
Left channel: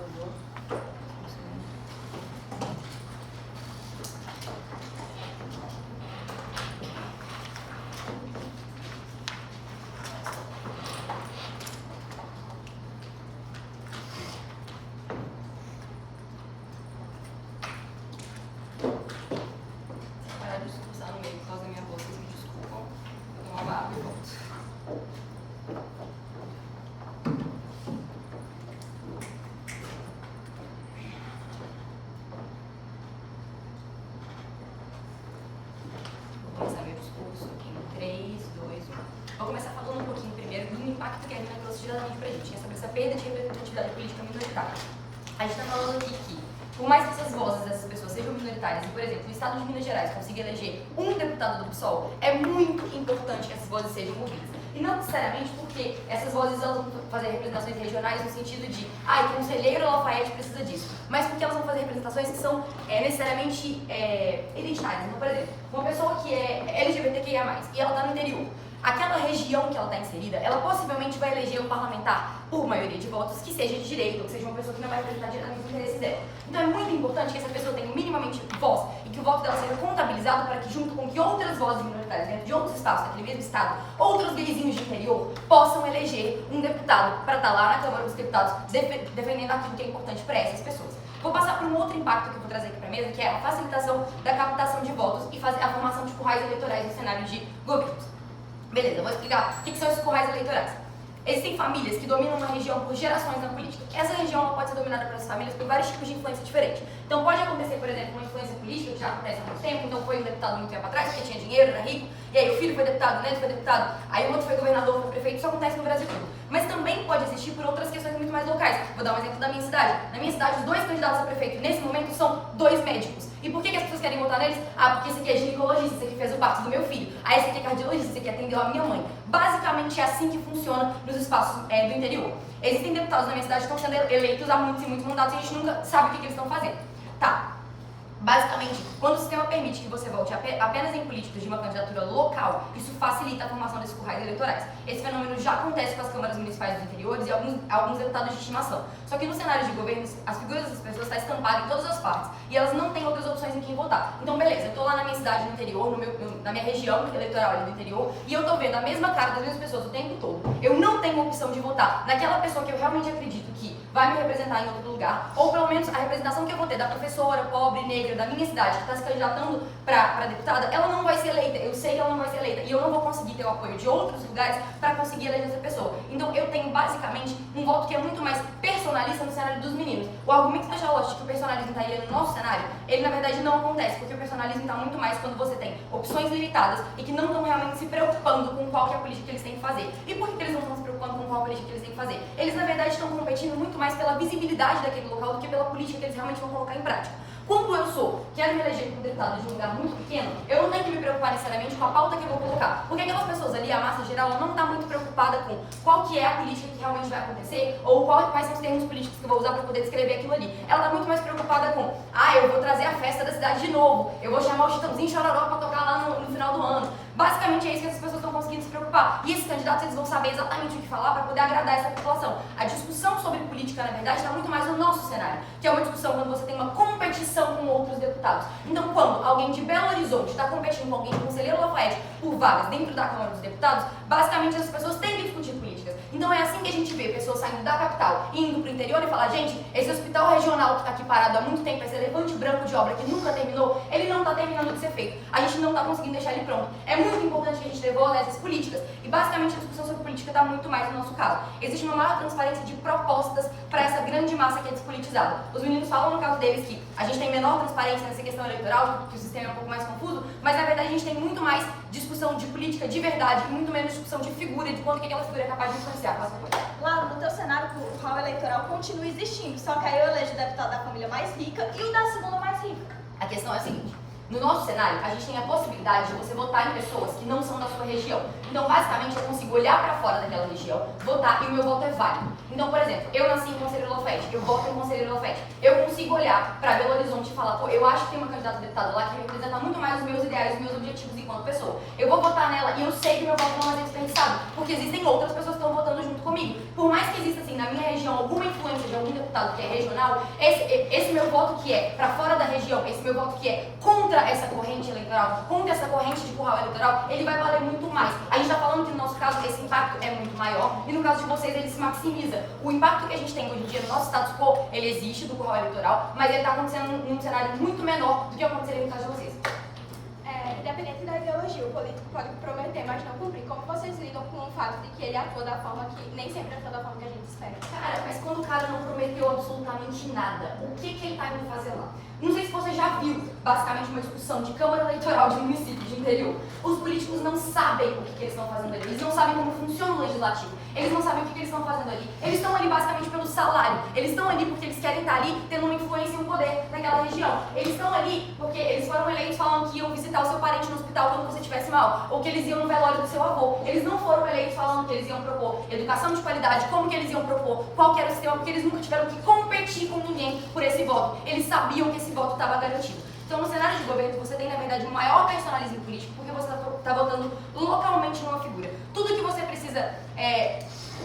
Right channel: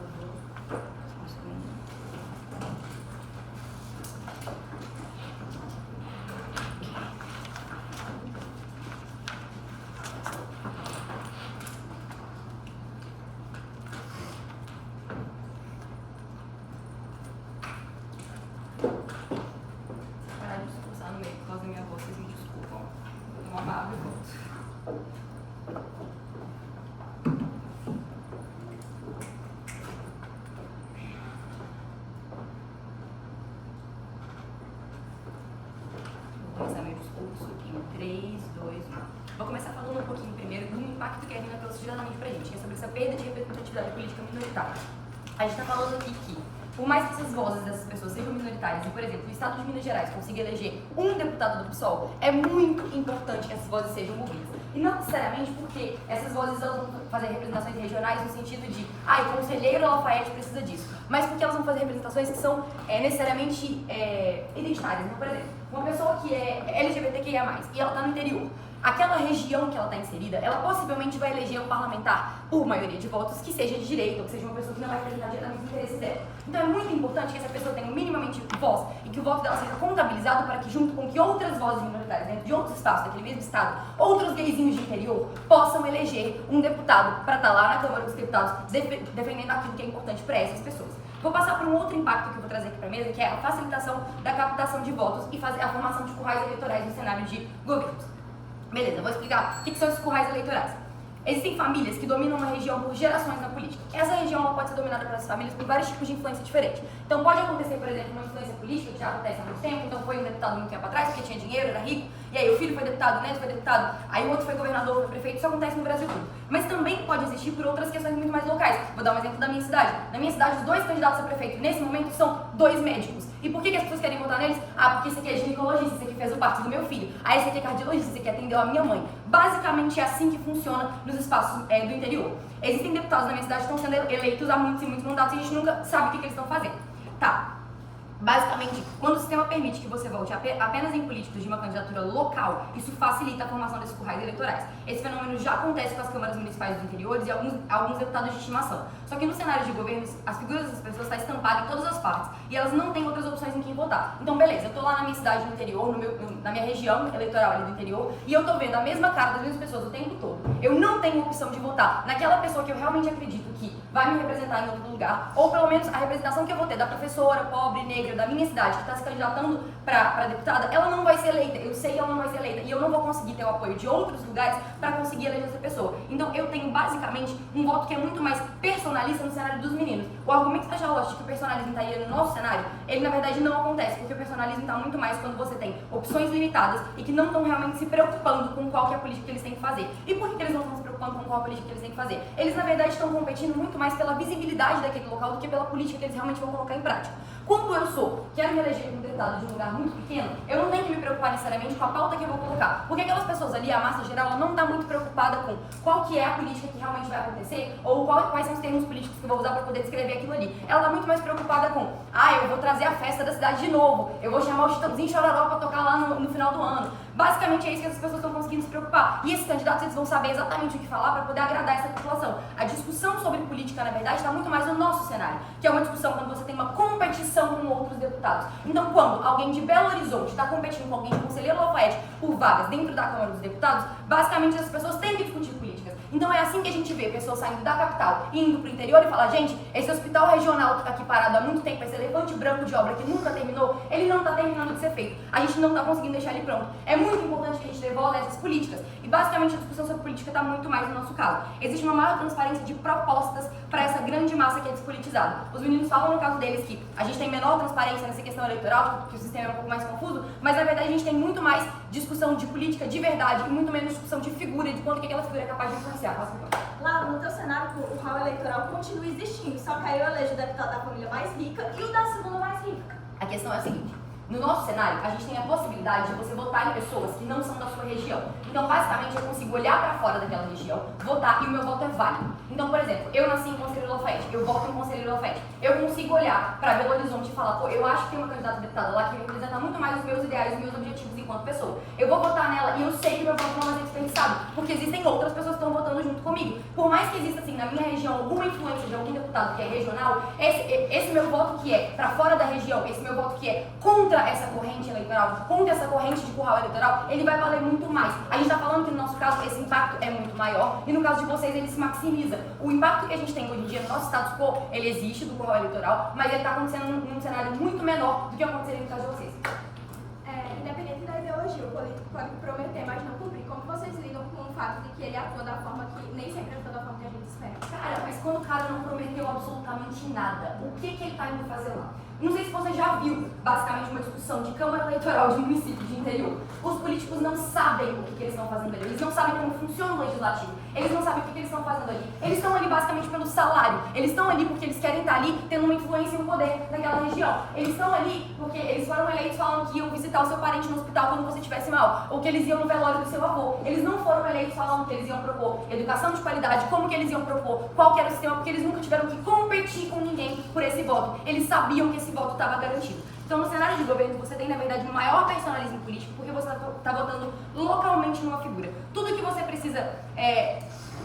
Parar de discursar no meio por causa da minha voz, vocês me desculpam. Eu dou uma barba e volto. Vou começar meu discurso em 3, 2, 1. Vou começar falando um pouquinho primeiro do impacto que a Rina trouxe diretamente pra gente, que é sobre essa perda de representatividade política minoritária. A gente está falando aqui que, por mais que essas vozes dessas pessoas sejam minoritárias, e, por exemplo, o Estado de Minas Gerais consiga eleger um deputado do PSOL, é muito importante que essas vozes sejam ouvidas. E não necessariamente porque essas vozes elas vão fazer representações regionais no sentido de, o conselheiro Lafayette precisa disso, mas porque elas vão fazer representações que são necessariamente identitárias. Então, por exemplo, uma pessoa que é LGBTQIA+, e ela está no interior, aquela região que ela está inserida, ela possivelmente vai eleger um parlamentar por maioria de votos que seja de direita, ou que seja uma pessoa que não vai representar diretamente os interesses dela. Então é muito importante que essa pessoa tenha minimamente voz e que o voto dela seja contabilizado para que, junto com que outras vozes minoritárias dentro de outros estados, daquele mesmo estado, outros gayzinhos de interior, possam eleger um deputado para estar lá na Câmara dos Deputados defendendo aquilo que é importante para essas pessoas. Vou passar por um outro impacto que eu vou trazer aqui para a mesa, que é a facilitação da captação de votos e fazer a formação de currais eleitorais no cenário de governos. Beleza, vou explicar o que são esses currais eleitorais. Existem famílias que dominam uma região por gerações na política. Essa região ela pode ser dominada por essas famílias por vários tipos de influência diferentes. Então pode acontecer, por exemplo, uma influência política, que já acontece há muito tempo, então foi um deputado muito tempo atrás, porque tinha dinheiro, era rico, e aí o filho foi deputado, o neto foi deputado, aí o outro foi governador, foi prefeito, isso acontece no Brasil todo. Mas também pode existir por outras questões muito mais locais. Vou dar um exemplo da minha cidade. Na minha cidade, os 2 candidatos a prefeito nesse momento são 2 médicos. E por que as pessoas querem votar neles? Porque esse aqui é ginecologista, esse aqui fez o parto do meu filho. Esse aqui é cardiologista, esse aqui atendeu a minha mãe. Basicamente é assim que funciona nos espaços do interior. Existem deputados na minha cidade que estão sendo eleitos há muitos e muitos mandatos e a gente nunca sabe o que eles estão fazendo. Tá. Basicamente, quando o sistema permite que você vote apenas em políticos de uma candidatura local, isso facilita a formação desses currais eleitorais. Esse fenômeno já acontece com as câmaras municipais dos interiores e alguns deputados de estimação. Só que no cenário de governos, as figuras dessas pessoas estão estampadas em todas as partes e elas não têm outras opções em quem votar. Então, beleza, eu tô lá na minha cidade no interior, na minha região eleitoral ali do interior, e eu tô vendo a mesma cara das mesmas pessoas o tempo todo. Eu não tenho opção de votar naquela pessoa que eu realmente acredito que vai me representar em outro lugar, ou pelo menos a representação que eu vou ter da professora, pobre, negra, da minha cidade, que está se candidatando para deputada, ela não vai ser eleita, eu sei que ela não vai ser eleita, e eu não vou conseguir ter o apoio de outros lugares para conseguir eleger essa pessoa. Então eu tenho basicamente um voto que é muito mais personalista no cenário dos meninos. O argumento da Charlotte de que o personalismo estaria no nosso cenário, ele na verdade não acontece, porque o personalismo está muito mais quando você tem opções limitadas e que não estão realmente se preocupando com qual que é a política que eles têm que fazer. E por que eles não estão se preocupando? preocupando com qual política que eles têm que fazer. Eles, na verdade, estão competindo muito mais pela visibilidade daquele local do que pela política que eles realmente vão colocar em prática. Quando eu quero me eleger como deputado de um lugar muito pequeno, eu não tenho que me preocupar necessariamente com a pauta que eu vou colocar. Porque aquelas pessoas ali, a massa geral, ela não está muito preocupada com qual que é a política que realmente vai acontecer ou quais são os termos políticos que eu vou usar para poder descrever aquilo ali. Ela está muito mais preocupada com, eu vou trazer a festa da cidade de novo, eu vou chamar o Chitãozinho Chororó para tocar lá no final do ano. Basicamente é isso que essas pessoas estão conseguindo se preocupar. E esses candidatos, eles vão saber exatamente o que falar para poder agradar essa população. A discussão sobre política, na verdade, está muito mais no nosso cenário, que é uma discussão quando você tem uma competição com outros deputados. Então, quando alguém de Belo Horizonte está competindo com alguém de Conselheiro Lafayette por vagas dentro da Câmara dos Deputados, basicamente essas pessoas têm que discutir políticas. Então é assim que a gente vê pessoas saindo da capital e indo para o interior e falar, gente, esse hospital regional que está aqui parado há muito tempo, esse elefante branco de obra que nunca terminou, ele não está terminando de ser feito. A gente não está conseguindo deixar ele pronto. É muito importante que a gente devolva essas políticas. E basicamente a discussão sobre política está muito mais no nosso caso. Existe uma maior transparência de propostas para essa grande massa que é despolitizada. Os meninos falam no caso deles que a gente tem menor transparência nessa questão eleitoral, que o sistema é um pouco mais confuso, mas na verdade a gente tem muito mais discussão de política de verdade e muito menos discussão de figura, de quanto que aquela figura é capaz de influenciar. Laura, no teu cenário, o hall eleitoral continua existindo, só que aí eu elejo o deputado da família mais rica e o da segunda mais rica. A questão é a seguinte, no nosso cenário, a gente tem a possibilidade de você votar em pessoas que não são da sua região. Então, basicamente, eu consigo olhar para fora daquela região, votar e o meu voto é válido. Então, por exemplo, eu nasci em Conselheiro Lafayette, eu voto em Conselheiro Lafayette. Eu consigo olhar para Belo Horizonte e falar, pô, eu acho que tem uma candidata a deputada lá que representa muito mais os meus ideais e os meus objetivos enquanto pessoa. Eu vou votar nela e eu sei que meu voto não vai ser desperdiçado, porque existem outras pessoas que estão votando junto comigo. Por mais que exista, assim, na minha região, alguma influência de algum deputado que é regional, esse meu voto que é para fora da região, esse meu voto que é contra essa corrente eleitoral, contra essa corrente de curral eleitoral, ele vai valer muito mais. A gente está falando que no nosso caso esse impacto é muito maior e no caso de vocês ele se maximiza. O impacto que a gente tem hoje em dia no nosso status quo, ele existe do curral eleitoral, mas ele está acontecendo num cenário muito menor do que aconteceria no caso de vocês. Independente da ideologia, o político pode prometer, mas não cumprir. Como vocês lidam com o fato de que ele atua da forma que nem sempre atua da forma que a gente espera? Cara, mas quando o cara não prometeu absolutamente nada, o que ele está indo fazer lá? Não sei se você já viu, basicamente, uma discussão de Câmara Eleitoral de município de interior. Os políticos não sabem o que eles estão fazendo ali, eles não sabem como funciona o legislativo, eles não sabem o que eles estão fazendo ali. Eles estão ali basicamente pelo salário, eles estão ali porque eles querem estar ali tendo uma influência e um poder naquela região. Eles estão ali porque eles foram eleitos falando que iam visitar o seu parente no hospital quando você estivesse mal, ou que eles iam no velório do seu avô. Eles não foram eleitos falando que eles iam propor educação de qualidade, como que eles iam propor, qual que era o sistema, porque eles nunca tiveram que competir com ninguém por esse voto. Eles sabiam que esse voto estava garantido. Então, no cenário de governo, você tem, na verdade, um maior personalismo político, porque você está votando localmente numa figura. Tudo que você precisa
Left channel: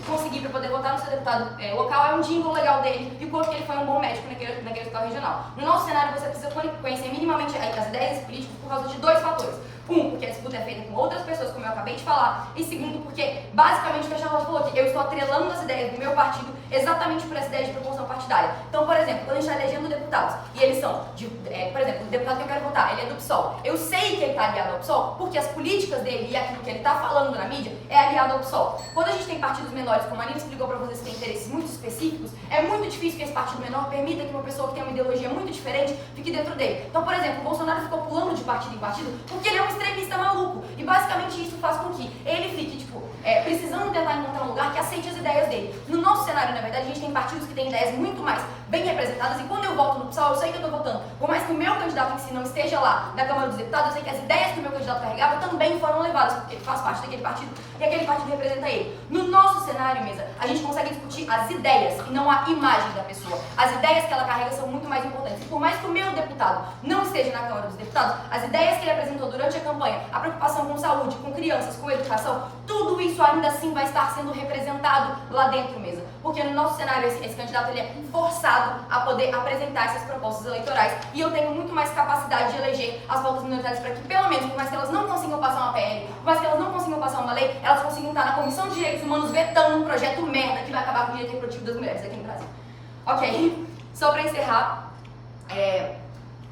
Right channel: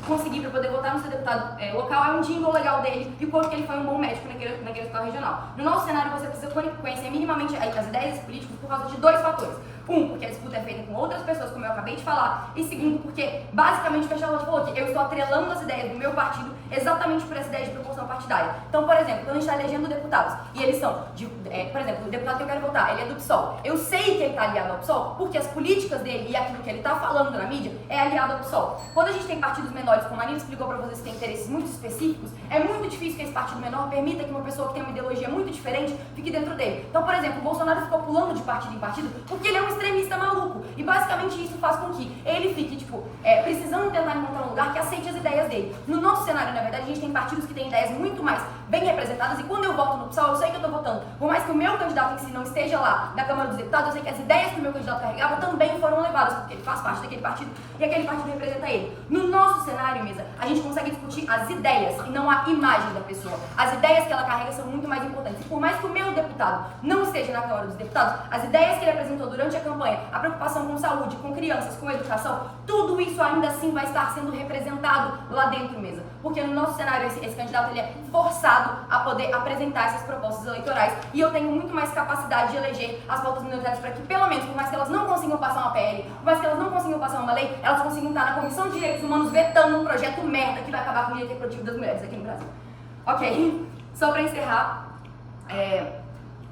conseguir para poder votar no seu deputado local é um jingle legal dele e o quanto que ele foi um bom médico naquele hospital regional. No nosso cenário, você precisa conhecer minimamente as ideias desse político por causa de dois fatores. Um, porque a disputa é feita com outras pessoas, como eu acabei de falar. E segundo, porque, basicamente, o que a Charlotte falou aqui, eu estou atrelando as ideias do meu partido exatamente por essa ideia de proporção partidária. Então, por exemplo, quando a gente está elegendo deputados, e eles são, por exemplo, o deputado que eu quero votar, ele é do PSOL. Eu sei que ele está aliado ao PSOL, porque as políticas dele e aquilo que ele está falando na mídia é aliado ao PSOL. Quando a gente tem partidos menores, como a Nina explicou para vocês que tem interesses muito específicos, é muito difícil que esse partido menor permita que uma pessoa que tem uma ideologia muito diferente fique dentro dele. Então, por exemplo, o Bolsonaro ficou pulando de partido em partido porque ele é um extremista maluco. E basicamente isso faz com que ele fique, precisando tentar encontrar um lugar que aceite as ideias dele. No nosso cenário, na verdade, a gente tem partidos que têm ideias muito mais bem representadas e quando eu voto no PSOL, eu sei que eu estou votando. Por mais que o meu candidato em si não esteja lá da Câmara dos Deputados, eu sei que as ideias que o meu candidato carregava também foram levadas, porque ele faz parte daquele partido e aquele partido representa ele. No nosso cenário, mesa, a gente consegue discutir as ideias e não a imagem da pessoa. As ideias que ela carrega são muito mais importantes. E por mais que o meu deputado não esteja na Câmara dos Deputados, as ideias que ele apresentou durante a campanha, a preocupação com saúde, com crianças, com educação, tudo isso ainda assim vai estar sendo representado lá dentro mesmo. Porque no nosso cenário, esse candidato ele é forçado a poder apresentar essas propostas eleitorais e eu tenho muito mais capacidade de eleger as pautas minoritárias para que, pelo menos, por mais que elas não consigam passar uma PL, por mais que elas não consigam passar uma lei, elas consigam estar na Comissão de Direitos Humanos vetando um projeto merda que vai acabar com o direito reprodutivo das mulheres aqui no Brasil. Ok, só para encerrar,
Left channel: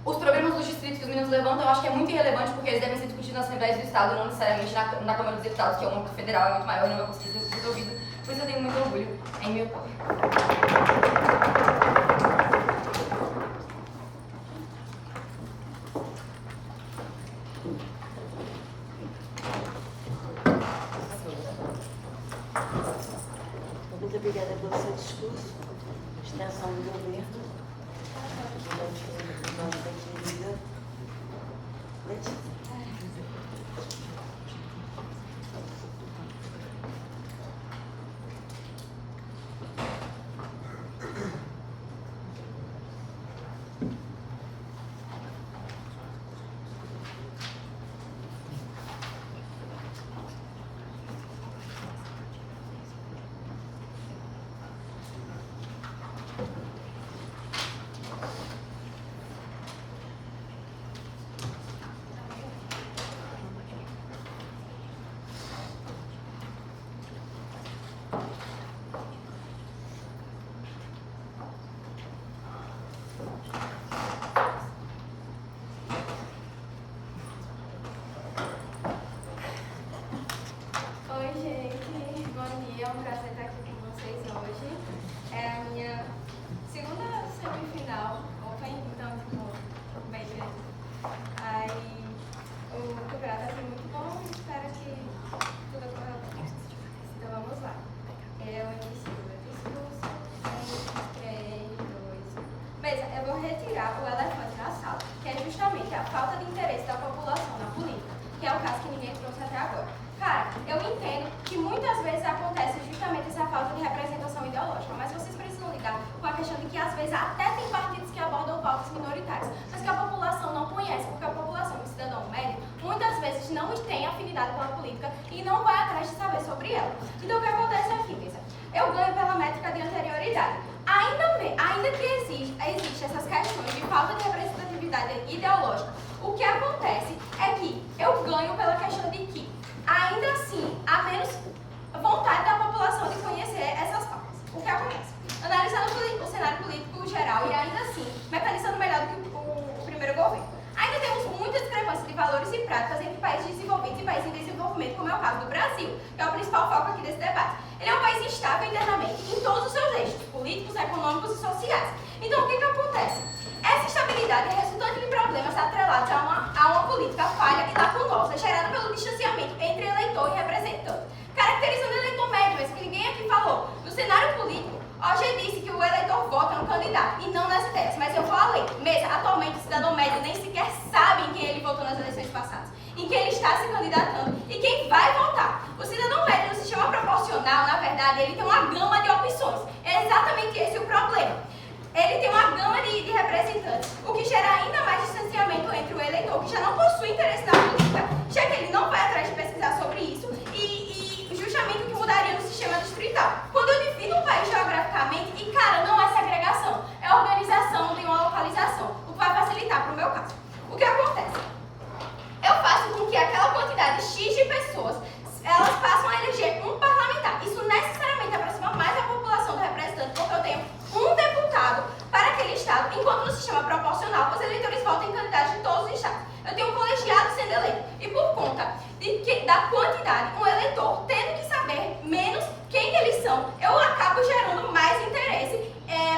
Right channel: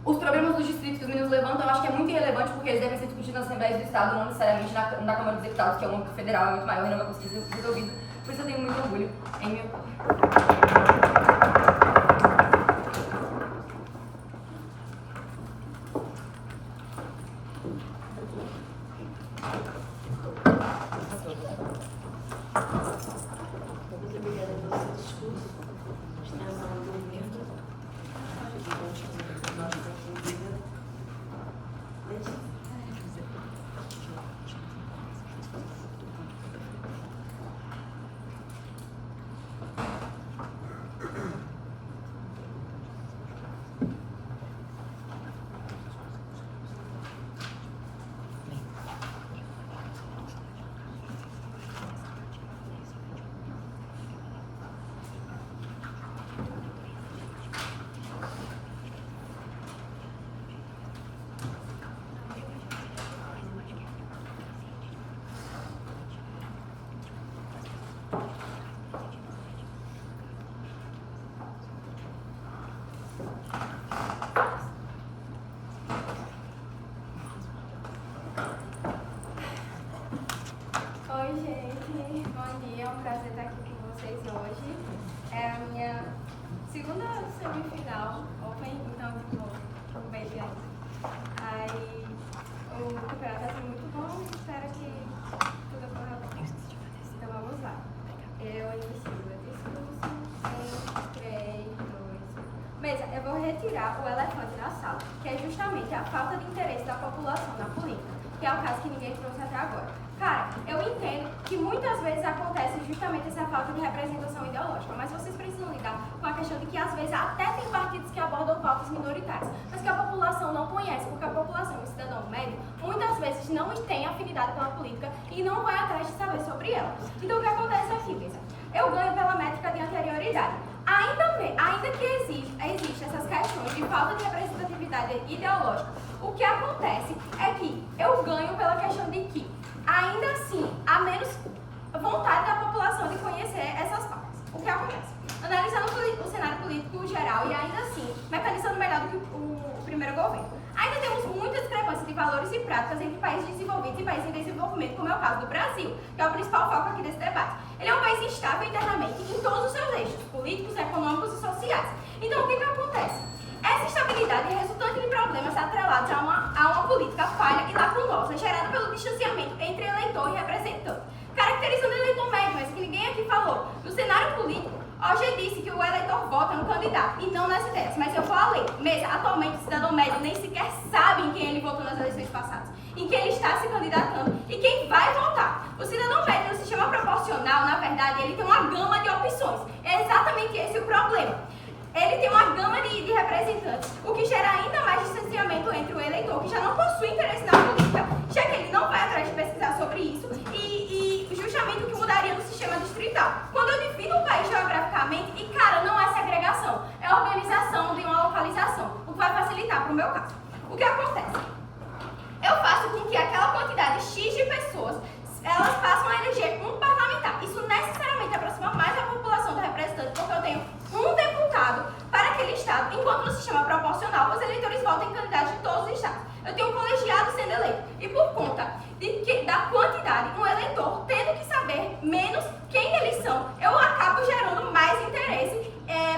os problemas dos distritos que os meninos levantam eu acho que é muito irrelevante porque eles devem ser discutidos nas Assembleias do Estado, não necessariamente na Câmara dos Deputados, que é um âmbito federal, é muito maior e não vai conseguir ser resolvido. Por isso eu tenho muito orgulho em meu do governo, nossa querida Letícia. Oi, gente. Bom dia. É um prazer estar aqui com vocês hoje. É a minha segunda semifinal Open, então, tipo, um bem grande. Aí, o campeonato está sendo muito bom e espero que tudo ocorra bem. Então, vamos lá. Eu inicio o discurso em 3, 2, 1. Beleza, eu vou retirar o elefante na sala, que é justamente a falta de interesse da população na política, que é o caso que ninguém trouxe até agora. Cara, eu entendo que muitas vezes acontece justamente essa falta de representação ideológica, mas vocês precisam lidar com a questão de que às vezes até tem partidos que abordam pautas minoritárias, mas que a população não conhece, porque a população, o cidadão médio, muitas vezes não tem afinidade pela política e não vai atrás de saber sobre ela. Então o que acontece aqui, Mesa? Eu ganho pela métrica de anterioridade. Ainda que existe essas questões de falta de representatividade ideológica, o que acontece é que eu ganho pela questão de que ainda assim, há menos vontade da população de conhecer essas pautas. O que acontece? Analisando o cenário político geral e ainda assim, mecanizando melhor do que o primeiro governo. Ainda temos muita discrepância de valores e práticas entre países desenvolvidos e países em desenvolvimento, como é o caso do Brasil, que é o principal foco aqui desse debate. Ele é um país instável internamente em todos os seus eixos, políticos, econômicos e sociais. Então, o que acontece? Essa instabilidade é resultante de problemas atrelados a uma política falha e lacunosa, gerada pelo distanciamento entre eleitor e representante. Caracterizando o eleitor médio, mas que ninguém aqui falou. No cenário político, hoje disse que o eleitor vota no candidato e não nas ideias, mas eu vou além. Mesmo, atualmente, o cidadão médio nem sequer sabe em quem ele votou nas eleições passadas, em quem ele está se candidatando e quem vai votar. O cidadão médio, no sistema proporcional, na verdade, ele tem uma gama de opções. É exatamente esse o problema. Ele tem uma gama de representantes, o que gera ainda mais distanciamento entre o eleitor, que já não possui interesse na política, já que ele não vai atrás de pesquisar sobre isso, e justamente o que mudaria no sistema distrital. Quando eu divido um país geograficamente, e cara, não é segregação, é organização de uma localização, o que vai facilitar para o meu caso. O que acontece? Eu faço com que aquela quantidade X de pessoas, elas passam a eleger um parlamentar. Isso necessariamente aproxima mais a população do representante, porque eu tenho um deputado para aquele estado, enquanto no sistema proporcional os eleitores votam em candidatos de todos os estados. Eu tenho um colegiado sendo eleito e por conta da quantidade, um eleitor tendo que saber menos quem eles são, eu acabo gerando mais interesse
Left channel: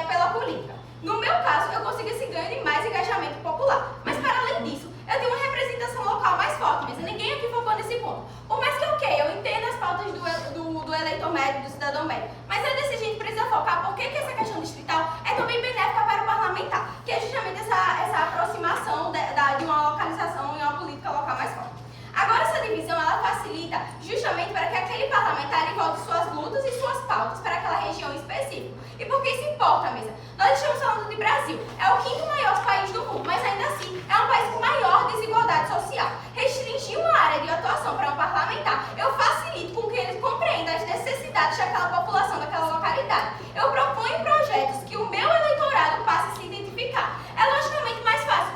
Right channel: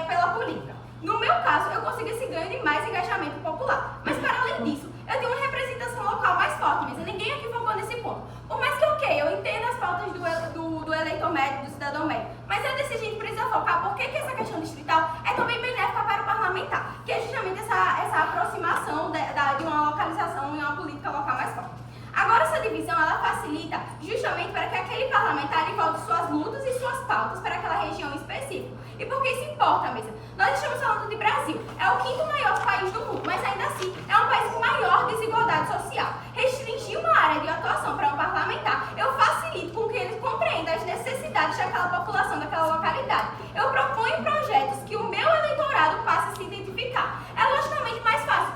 pela política. No meu caso, eu consigo esse ganho de mais engajamento popular. Mas para além disso, eu tenho uma representação local mais forte mesmo. Ninguém aqui focou nesse ponto. Por mais que, eu entendo as pautas do eleitor médio, do cidadão médio, mas é desse a gente precisa focar porque que essa questão distrital é também benéfica para o parlamentar, que é justamente essa aproximação de uma localização em uma política local mais forte. Agora, essa divisão, ela facilita justamente para que aquele parlamentar volte suas lutas e suas pautas para aquela região específica. E por que isso importa, Mesa? Nós estamos falando de Brasil. É o 5º maior país do mundo, mas ainda assim é um país com maior desigualdade social. Restringir uma área de atuação para um parlamentar, eu facilito com que ele compreenda as necessidades daquela população, daquela localidade. Eu proponho projetos que o meu eleitorado passe a se identificar. É logicamente mais fácil,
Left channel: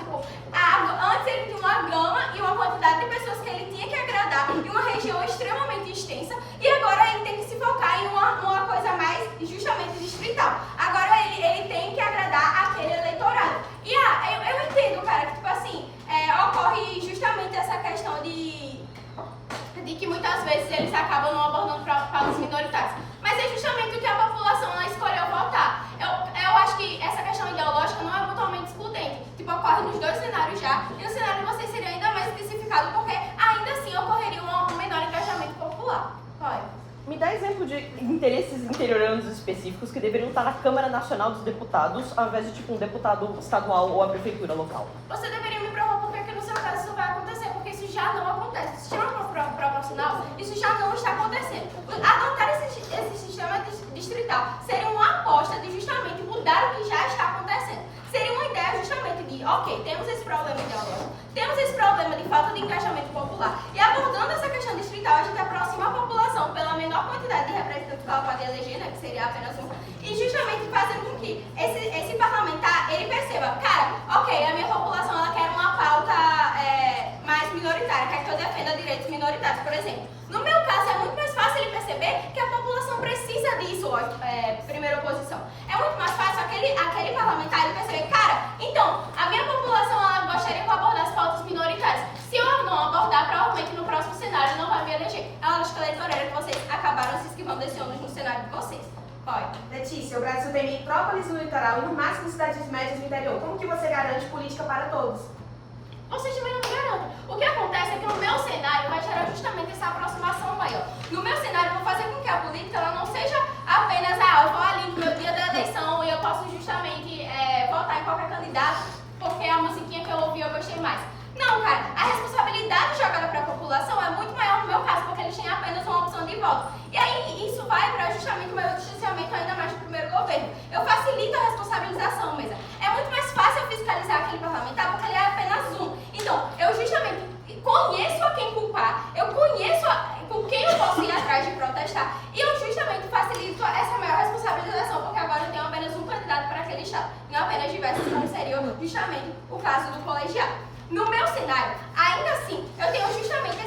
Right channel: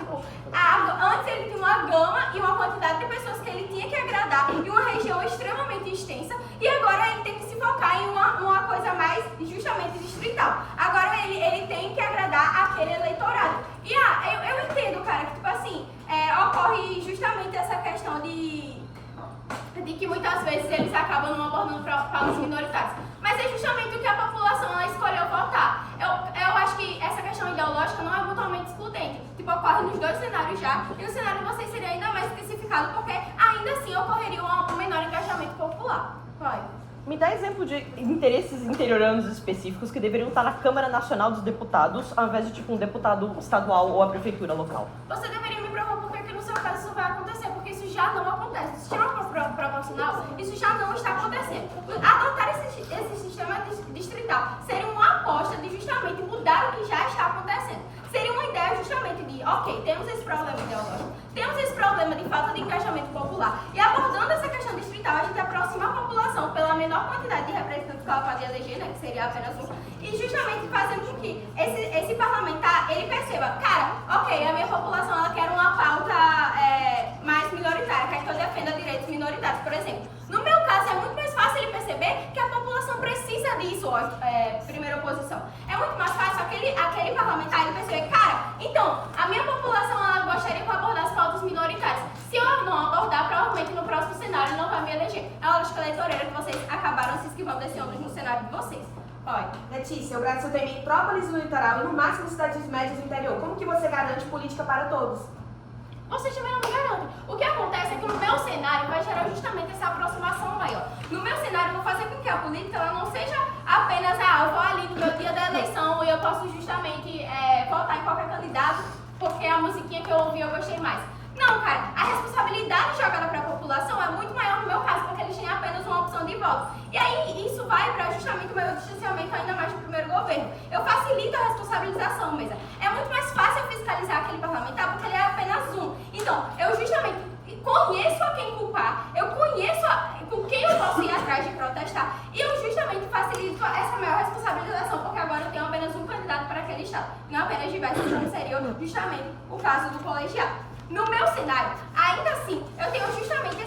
antes ele tinha uma gama e uma quantidade de pessoas que ele tinha que agradar em uma região extremamente extensa e agora ele tem que se focar em uma coisa mais justamente distrital. Agora ele tem que agradar aquele eleitorado. E eu entendo, cara, que ocorre justamente essa questão de que muitas vezes eles acabam não abordando pautas minoritárias. Mas é justamente o que a população ela escolheu votar. Eu acho que essa questão ideológica não é mutuamente excludente. Ocorre nos dois cenários já, e no cenário de vocês seria ainda mais especificado, porque ainda assim ocorreria um menor engajamento popular. Pode. Me dá exemplo de interesses interioranos específicos que deveriam estar na Câmara Nacional dos Deputados, ao invés de tipo um deputado estadual ou a prefeitura local. Você deveria me provar por que no seu caso isso vai acontecer, porque isso já não acontece. Se chama proporcional, isso já não está acontecendo. Adotar esse sistema distrital seria uma aposta de justamente mudar o que já está acontecendo. Seria uma ideia justamente de, ok, temos esse problema ideológico, temos esse problema de falta de engajamento popular, e abordando essa questão distrital, a gente aproxima a população pela menor quantidade de representantes que ela pode eleger, né, que seria apenas um, e justamente fazendo com que esse parlamentar, ele perceba, cara, ok, a minha população, ela quer uma pauta mais minoritária, quer que eu defenda direitos minoritários, por exemplo. No meu caso, é muito mais fácil ele perceber que a população precisa disso, primeira oposição. É muito mais fácil aquele parlamentar ele perceber, cara, então, a minha população ela gostaria que eu abordasse pautas minoritárias. Se eu não abordar, provavelmente no próximo cenário não vai me eleger. É a lógica eleitoreira que vocês acabaram se esquivando desse ônibus no cenário de vocês. Letícia, o Brasil tem metrópoles no litoral e no máximo cidades médias no interior. Como que você garante política para todos? Vocês também não me garantem. O que acontece é que no meu cenário vai gerar justamente essa aproximação maior. No meu cenário, eu vou fazer com que a política ela não seja apenas eu vou ali no meu dia da eleição e eu posso justamente votar em qualquer candidato porque a musiquinha que eu ouvi eu gostei mais. Não, cara, a responsabilidade jogada para a população é muito maior no meu caso, porque eles têm apenas uma opção de voto. E aí isso vai para justamente o meu distanciamento ainda mais do primeiro governo. Eu facilito a responsabilização mesmo. É muito mais fácil eu fiscalizar aquele parlamentar porque ele é apenas um. Então, eu justamente conheço a quem culpar, eu conheço com quem eu posso ir atrás de protestar e eu justamente facilito essa maior responsabilização, porque agora eu tenho apenas um candidato para aquele estado, não apenas diversos, como seria justamente o caso do colegiado. No meu cenário, ainda assim, eu tenho justamente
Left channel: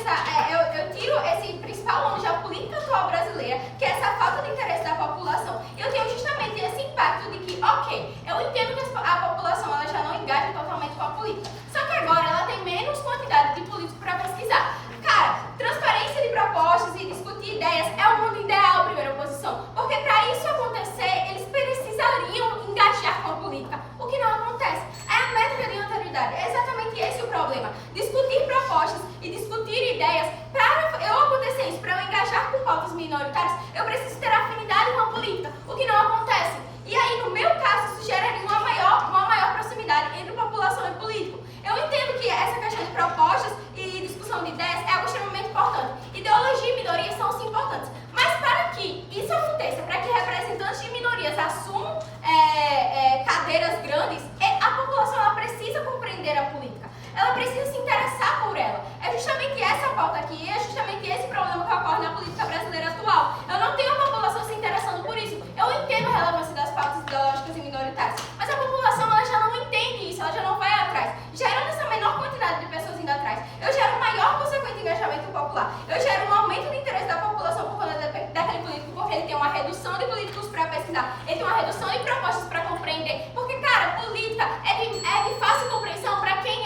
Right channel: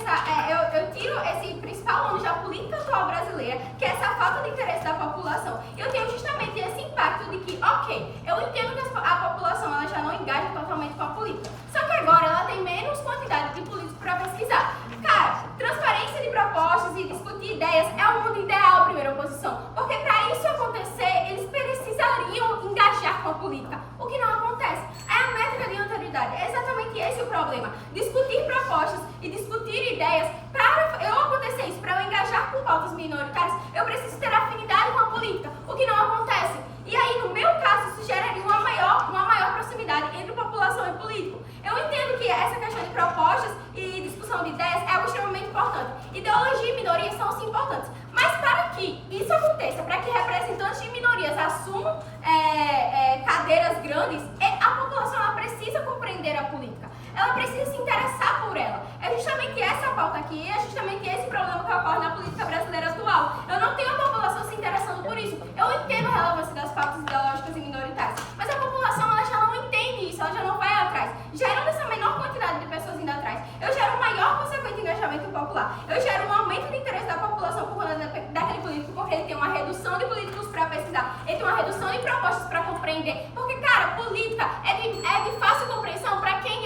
eu tiro esse principal ônus da política atual brasileira, que é essa falta de interesse da população. Eu tenho justamente esse impacto de que, ok, eu entendo que a população ela já não engaja totalmente com a política, só que agora ela tem menos quantidade de políticos para pesquisar. Cara, transparência de propostas e discutir ideias é o mundo ideal, primeira oposição, porque para isso acontecer, eles precisariam engajar com a política, o que não acontece. É a métrica de anterioridade, é exatamente esse o problema. Discutir propostas e discutir ideias, para eu acontecer isso, para eu engajar com pautas minoritárias, eu preciso ter afinidade com a política, o que não acontece. E aí, no meu caso, isso geraria uma maior proximidade entre população e político. Eu entendo que essa questão de propostas e discussão de ideias é algo extremamente importante. Ideologia e minorias são sim importantes. Mas para que isso aconteça, para que representantes de minorias assumam cadeiras grandes, a população ela precisa compreender a política. Ela precisa se interessar por ela. É justamente essa pauta aqui, é justamente esse problema que ocorre na política brasileira atual. Eu não tenho a população se interessando por isso. Eu entendo a relevância das pautas ideológicas e minoritárias, mas a população ela já não entende isso, ela já não vai atrás. Gerando essa menor quantidade de pessoas indo atrás, eu gero um maior consequente engajamento popular. Eu gero um aumento de interesse da população por conta daquele político, porque ele tem uma redução de políticos para pesquisar, ele tem uma redução de propostas para compreender. Porque, cara, política é de fácil compreensão para quem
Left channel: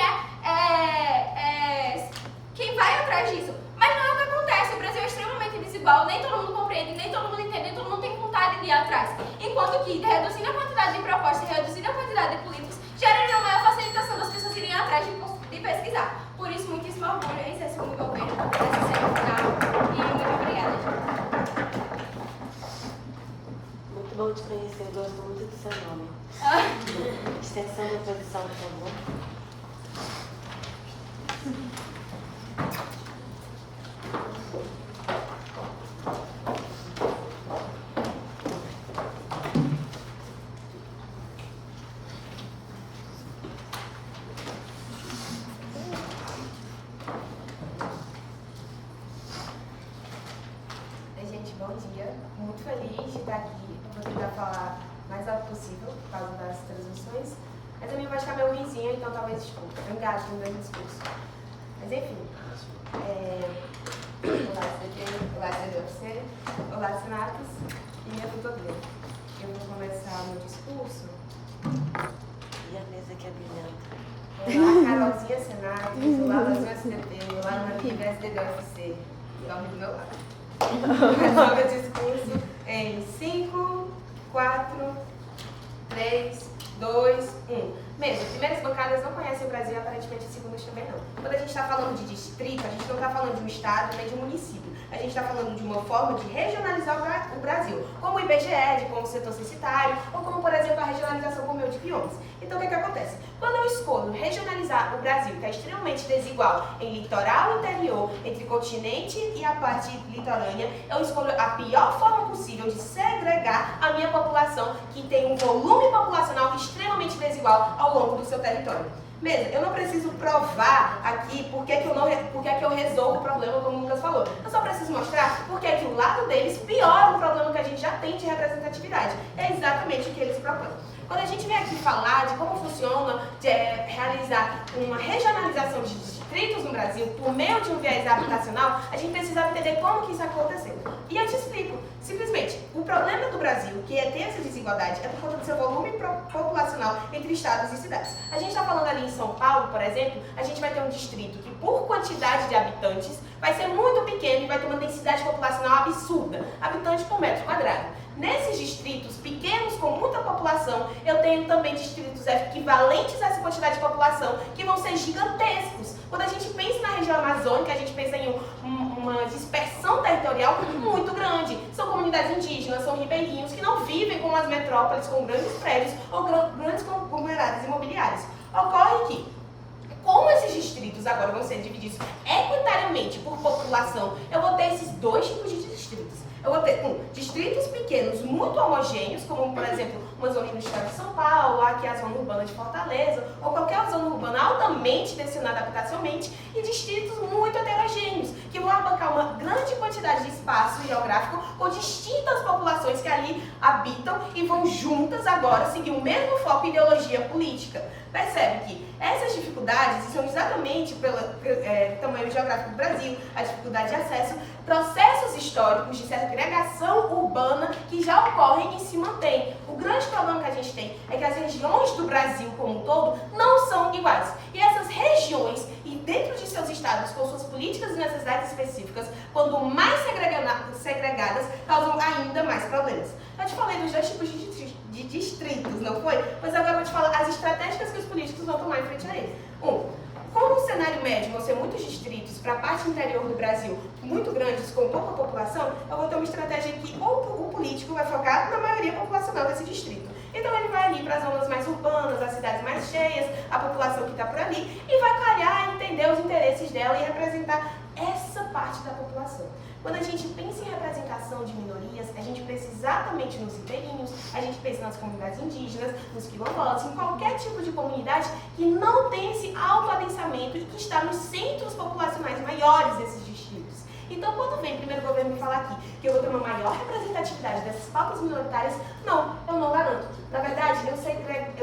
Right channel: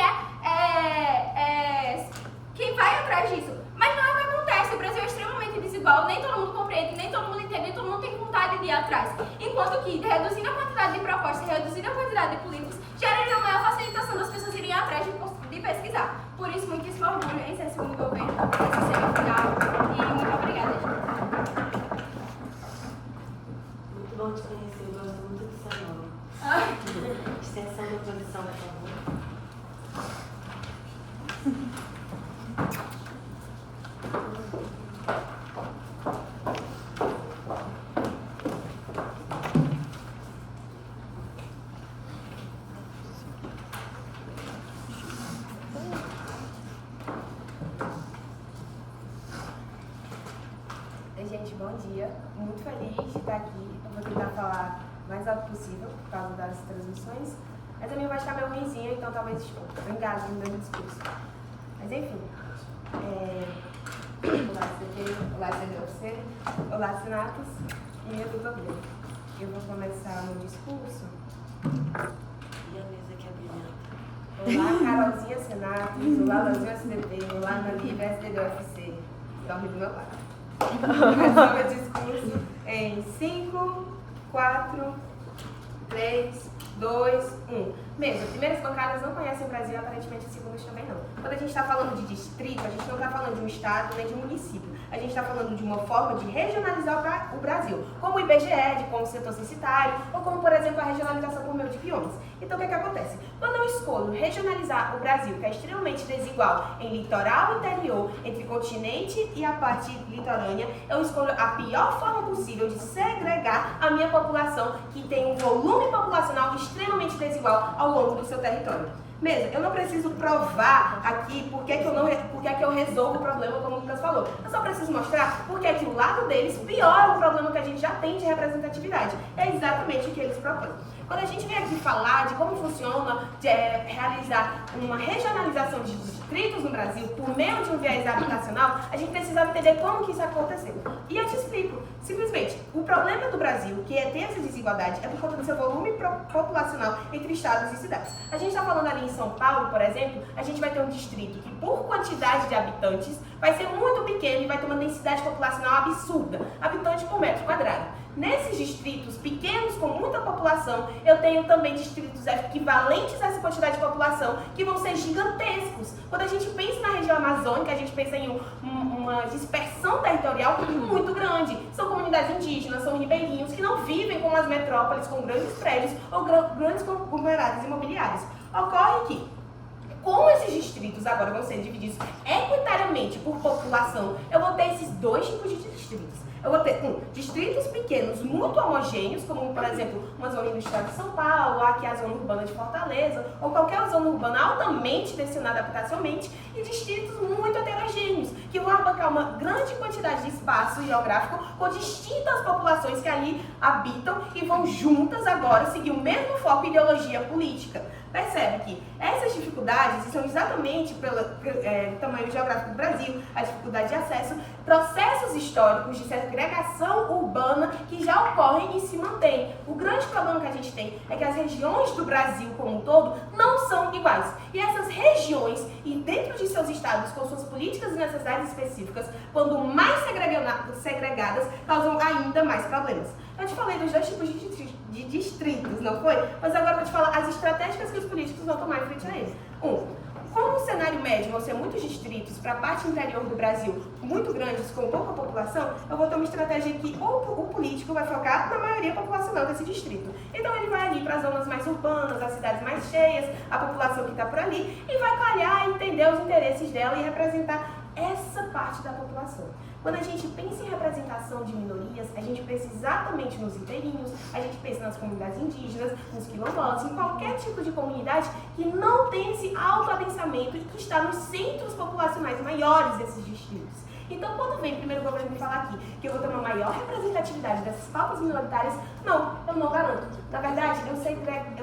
quem vai atrás disso. Mas não é o que acontece. O Brasil é extremamente desigual, nem todo mundo compreende, nem todo mundo entende, nem todo mundo tem vontade de ir atrás. Enquanto que, reduzindo a quantidade de propostas e reduzindo a quantidade de políticos, geraria uma maior facilitação das pessoas irem atrás de pesquisar. Por isso, muitíssimo orgulho em ser segundo governo, essa semifinal. E muito obrigada, gente. Muito bom te conhecer, eu gosto muito do seu nome. Extensão da produção, por favor. Oi, gente, bom dia. Muito feliz de estar aqui. Eu vou tentar falar o mais alto possível por causa das transmissões. Eu também vou estar meu vizinho, então talvez eu engaje no meu discurso. Mas enfim. Olá, CDP, olá, CDUFC, olá, Senatos e minha tutoria. Eu vou começar o meu discurso. E a mesa que é brilhante. Olá, Carolzinha Senatos, olá, Lazinha SDP, olá, Maria SDDUFC. Dorme do meu lado. Vou começar o meu discurso em 5, 4, 3, 2, 1. Mesmo, primeiras bancadas não conhecem o Brasil e aparentemente as segundas também não. Quando a gente está falando de distrito, a gente não está falando de um estado nem de um município. A gente está falando de uma forma de regionalizar o Brasil, como o IBGE, de como o setor censitário, ou como, por exemplo, a regionalização por meio de biomas. Então, o que acontece? Quando eu escolho regionalizar o Brasil, que é extremamente desigual em litoral e interior, entre continente e a parte litorânea, eu escolho a pior forma possível de segregar a minha população, que tem um volume populacional extremamente desigual ao longo do seu território. Mesmo, eu não preciso provar aqui porque é que eu resolvo o problema, como o Lucas falou. Eu só preciso mostrar porque é que o lado deles piora o problema que a gente já tem de representatividade. É exatamente o que eles propõem. Quando a gente vem aqui falar de como funciona realizar uma regionalização de distritos no Brasil por meio de um viés habitacional, a gente precisa entender como que isso aconteceu. E eu te explico. Simplesmente, o problema do Brasil, que é ter essa desigualdade, é por conta do seu volume populacional entre estados e cidades. A gente está falando ali em São Paulo, por exemplo, a gente vai ter um distrito que, por quantidade de habitantes, vai ser muito pequeno e vai ter uma densidade populacional absurda, habitante por metro quadrado. Nesses distritos pequenos com muita população, eu tenho também distritos equivalentes a essa quantidade de população que vão ser gigantescos. Quando a gente pensa na região amazônica, a gente pensa em uma dispersão territorial muito grande. São comunidades indígenas, são ribeirinhos que não vivem como as metrópoles com grandes prédios ou grandes conglomerados imobiliários. Ocorre que, como esses distritos agora vão ser divididos equitariamente por população, eu vou ter esses dois tipos de distritos. Eu vou ter distritos pequenos muito homogêneos, como, por exemplo, uma zona industrial de São Paulo, aqui a zona urbana de Fortaleza, ou qualquer zona urbana altamente destinada habitacionalmente, e distritos muito heterogêneos, que vão abarcar uma grande quantidade de espaço geográfico com distintas populações que ali habitam e vão juntas agora seguir o mesmo foco e ideologia política. Percebe que essas dificuldades são exatamente pelo tamanho geográfico do Brasil, a dificuldade de acesso, processos históricos de segregação urbana que já ocorrem e se mantêm. O grande problema que a gente tem é que as regiões do Brasil como um todo não são iguais. E essas regiões, e dentro de seus estados, com suas políticas e necessidades específicas, quando mais segregadas, causam ainda mais problemas. Eu te falei dos dois tipos de distritos, não foi? Mas agora eu vou te falar as estratégias que os políticos vão tomar em frente a ele. Como no cenário médio vão ser muitos distritos para a parte interior do Brasil muito grandes, com pouca população, eu vou ter uma estratégia que o político vai focar na maioria populacional desse distrito. Então ele vai ali para as zonas mais urbanas, as cidades mais cheias, a população que está por ali, e vai calhar, entender os interesses dela e representar essa parte da população. Quando a gente pensa em representação de minorias, a gente pensa exatamente nos ribeirinhos, a gente pensa nas comunidades indígenas, nos quilombolas, em qualquer tipo de comunidade que não tem esse autoadensamento e que está nos centros populacionais maiores desses distritos. Então, quando vem o primeiro governo me falar aqui que eu vou ter uma maior representatividade dessas pautas minoritárias, não, eu não garanto. Na verdade, eu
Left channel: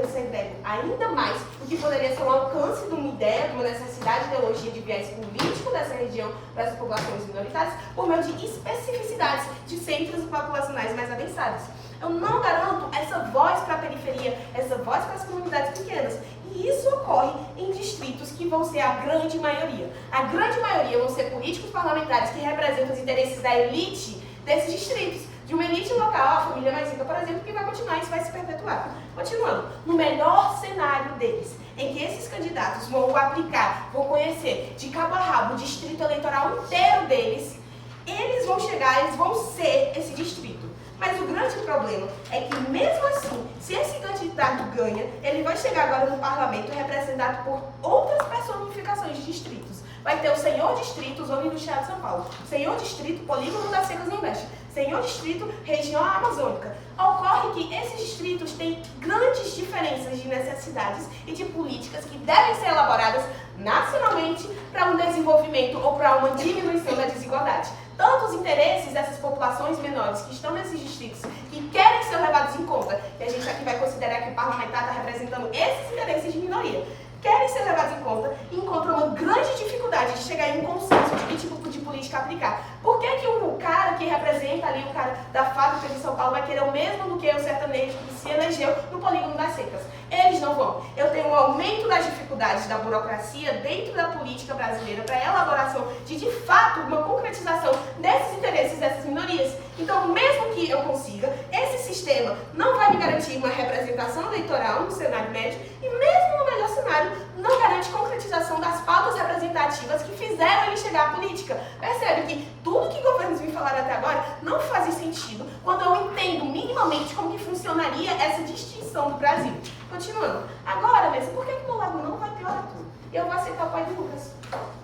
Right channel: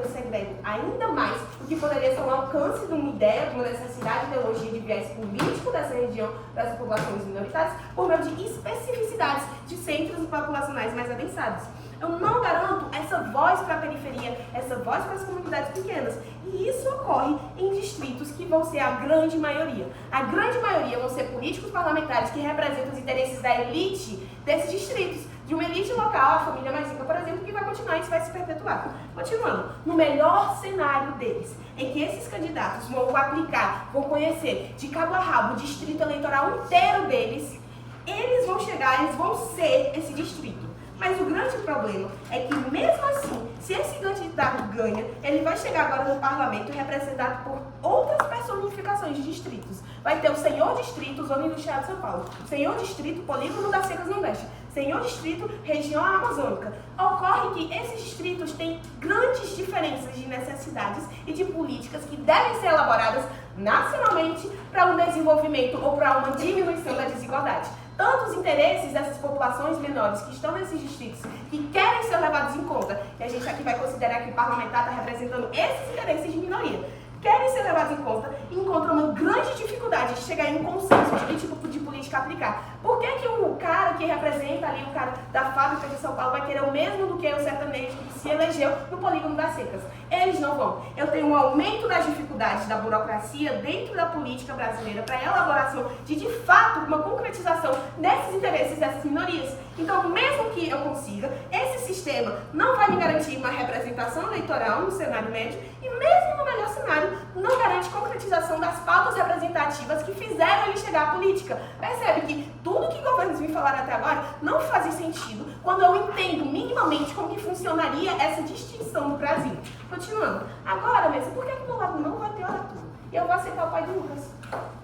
segrego ainda mais o que poderia ser um alcance de uma ideia, de uma necessidade de ideologia de viés político dessa região, das populações minoritárias, por meio de especificidades de centros populacionais mais adensados. Eu não garanto essa voz para a periferia, essa voz para as comunidades pequenas. E isso ocorre em distritos que vão ser a grande maioria. A grande maioria vão ser políticos parlamentares que representam os interesses da elite desses distritos. De uma elite local, a família mais rica, por exemplo, que vai continuar e isso vai se perpetuar. Continuando, no melhor cenário deles, em que esses candidatos vão aplicar, vão conhecer de cabo a rabo o distrito eleitoral inteiro deles, eles vão chegar, eles vão ser esse distrito. Mas o grande problema é que, mesmo assim, se esse candidato ganha, ele vai chegar agora no parlamento representado por outras personificações de distritos. Vai ter o Senhor Distrito, Zona Industrial de São Paulo, Senhor Distrito, Polígono das Secas Nordeste, Senhor Distrito, Região Amazônica. Ocorre que esses distritos têm grandes diferenças de necessidades e de políticas que devem ser elaboradas nacionalmente para um desenvolvimento ou para uma diminuição da desigualdade. Tanto os interesses dessas populações menores que estão nesses distritos, que querem ser levados em conta, que a gente aqui vai considerar que o parlamentar está representando esses interesses de minoria, querem ser levados em conta e encontram uma grande dificuldade de chegar em um consenso de que tipo de política aplicar. Por que que o cara que representa ali, o cara da fábrica de São Paulo, vai querer o mesmo do que o sertanejo que se elegeu no polígono das secas? Eles não vão. Eu tenho um aumento das dificuldades da burocracia dentro da política brasileira para a elaboração de fato, uma concretização desses interesses dessas minorias. Então, mesmo que eu consiga, esse sistema não vai me garantir uma representação eleitoral no cenário médio e mesmo no melhor cenário, não garante concretização das pautas representativas que fizeram ele chegar à política. Percebe que tudo que governos me falaram até agora não faz sentido quando eu entendo minimamente como que funcionaria essa distinção do Brasil. Continuando. Agora, Mesa, por que o Lago não vai ter oratório? E eu vou aceitar o pai do Lucas.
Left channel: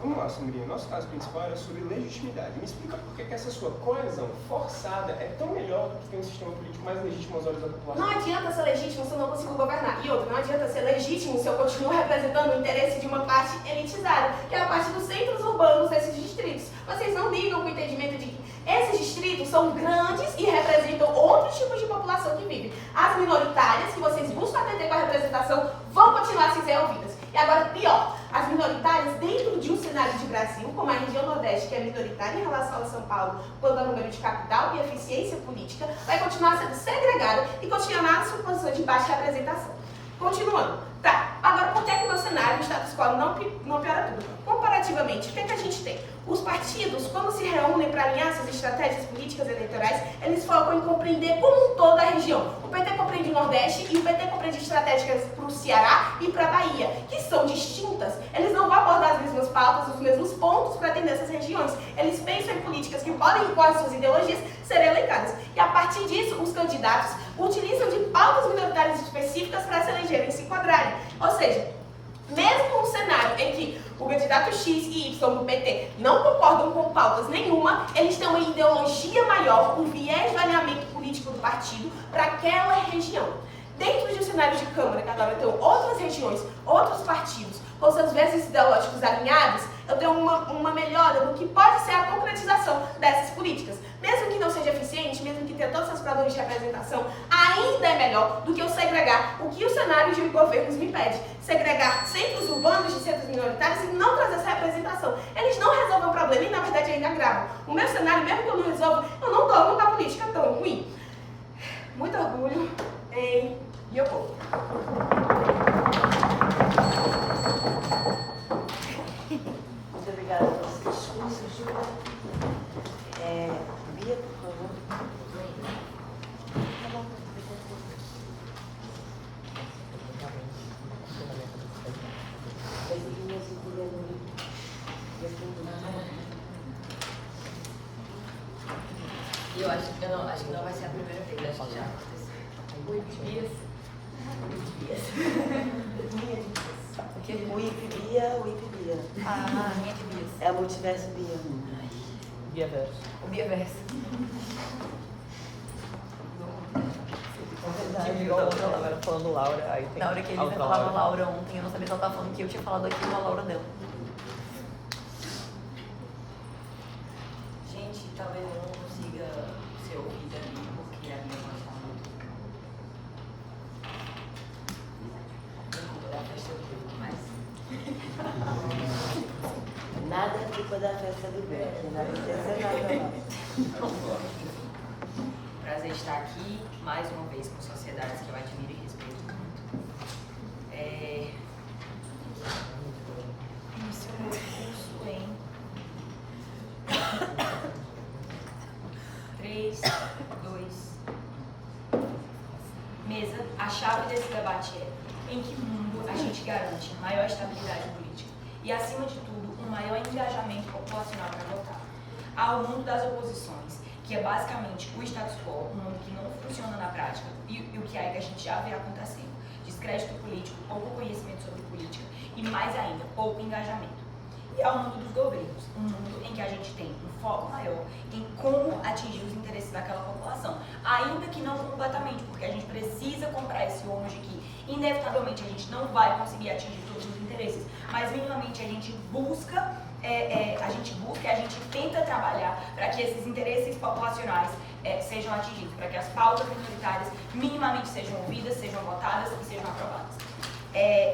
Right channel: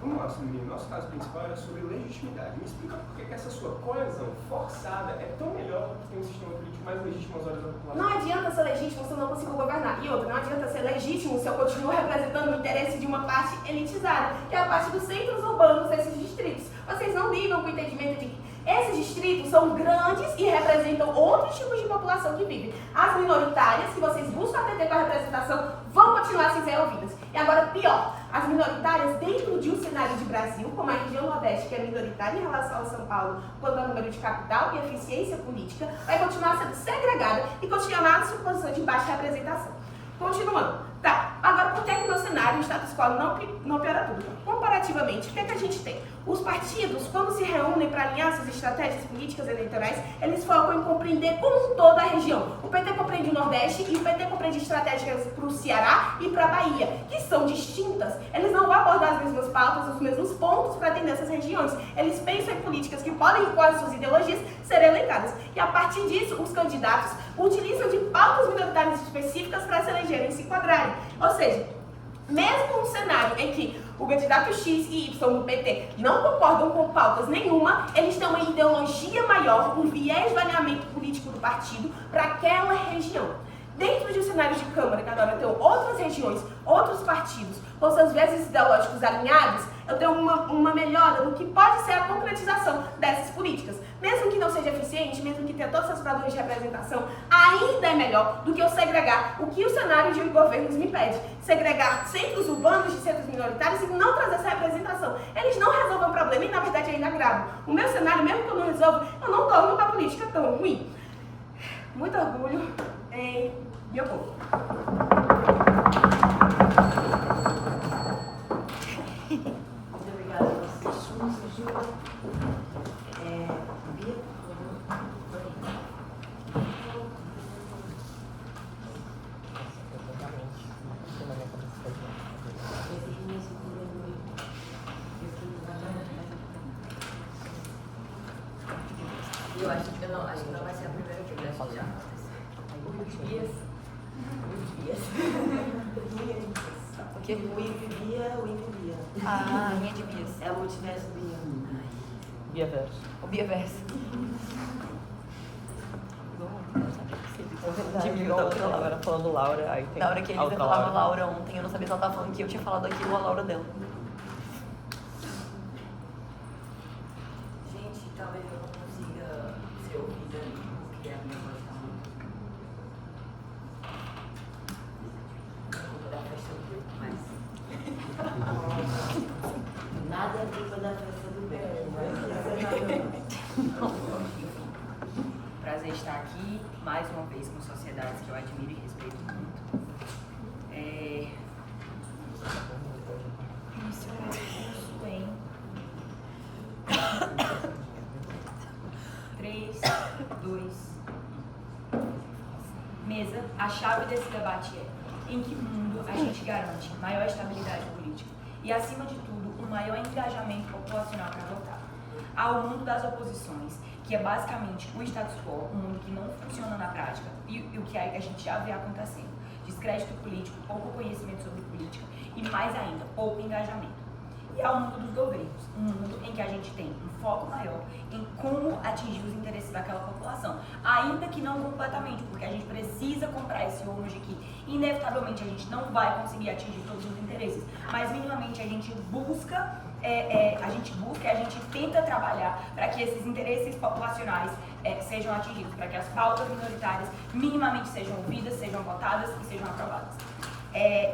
Vamos lá, Sandrinha. Nosso caso principal era sobre legitimidade. Me explica por que essa sua coesão forçada é tão melhor do que ter um sistema político mais legítimo aos olhos da população. Não adianta ser legítimo se eu não consigo governar. E outra, não adianta ser legítimo se eu continuo representando o interesse de uma parte elitizada, que é a parte dos centros urbanos desses distritos. Vocês não ligam com o entendimento de que esses distritos são grandes e representam outros tipos de população que vive. As minoritárias, que vocês buscam atender com a representação, vão continuar sem ser ouvidas. E agora, pior, as minoritárias dentro de um cenário de Brasil, como a região Nordeste, que é minoritária em relação ao São Paulo, quanto ao número de capital e eficiência política, vai continuar sendo segregada e continuar na sua posição de baixa representação. Continuando. Tá, agora por que o meu cenário, o status quo, não piora tudo? Comparativamente, o que é que a gente tem? Os partidos, quando se reúnem para alinhar suas estratégias políticas eleitorais, eles focam em compreender como um todo a região. O PT compreende o Nordeste e o PT compreende estratégias para o Ceará e para a Bahia, que são distintas. Eles não vão abordar as mesmas pautas, os mesmos pontos para atender essas regiões. Eles pensam em políticas que podem, com as suas ideologias, ser elencadas. E a partir disso, os candidatos utilizam de pautas minoritárias específicas para se elegerem e se enquadrarem. Ou seja, mesmo num cenário em que o candidato X e Y do PT não concordam com pautas nenhuma, eles têm uma ideologia maior, um viés de alinhamento político do partido para aquela região. Dentro de um cenário de Câmara, que agora tem outras regiões, outros partidos, com seus viéses ideológicos alinhados, eu tenho uma melhora no que pode ser a concretização dessas políticas. Mesmo que não seja eficiente, mesmo que tenha todos os problemas de representação, ainda é melhor do que eu segregar o que o cenário de governos me pede. Segregar centros urbanos de centros minoritários e não trazer essa representação. Eles não resolvem o problema e, na verdade, ainda agravam. O meu cenário, mesmo que eu não resolva, eu não torno uma política tão ruim. Muito orgulho em meu povo. Muito obrigada pelos discursos. Bia, por favor. Eu acho que não vai ser a primeira vez, acho que já aconteceu. 8 dias. 8 dias. Que Bia. Ah, minha de Bias. É o multiverso Bia. Bia verso. Falando Laura, aí tem Na hora que ele falava Laura ontem, eu não sabia se ela tava falando que eu tinha falado aquilo a Laura dela. Gente, talvez eu não consiga ser ouvida porque a minha voz tá muito. É culpa da festa do grupo, mas. Nada é culpa da festa do Bia. Prazer estar aqui mais uma vez com sociedades que eu admiro e respeito muito. Iniciou meu curso em 3, 2. Mesa, a chave desse debate é: em que mundo a gente garante maior estabilidade política e, acima de tudo, um maior engajamento populacional para votar? Há o mundo das oposições, que é basicamente o status quo, um mundo que não funciona na prática, e o que a gente já vê acontecendo: descrédito político, pouco conhecimento sobre política e, mais ainda, pouco engajamento. E é o mundo dos governos, um mundo em que a gente tem um foco maior em como atingir os interesses daquela população, ainda que não completamente, porque a gente precisa comprar esse ônus de que, inevitavelmente, a gente não vai conseguir atingir todos os interesses, mas minimamente a gente busca, a gente tenta trabalhar para que esses interesses populacionais sejam atingidos, para que as pautas minoritárias minimamente sejam ouvidas, sejam votadas e sejam aprovadas.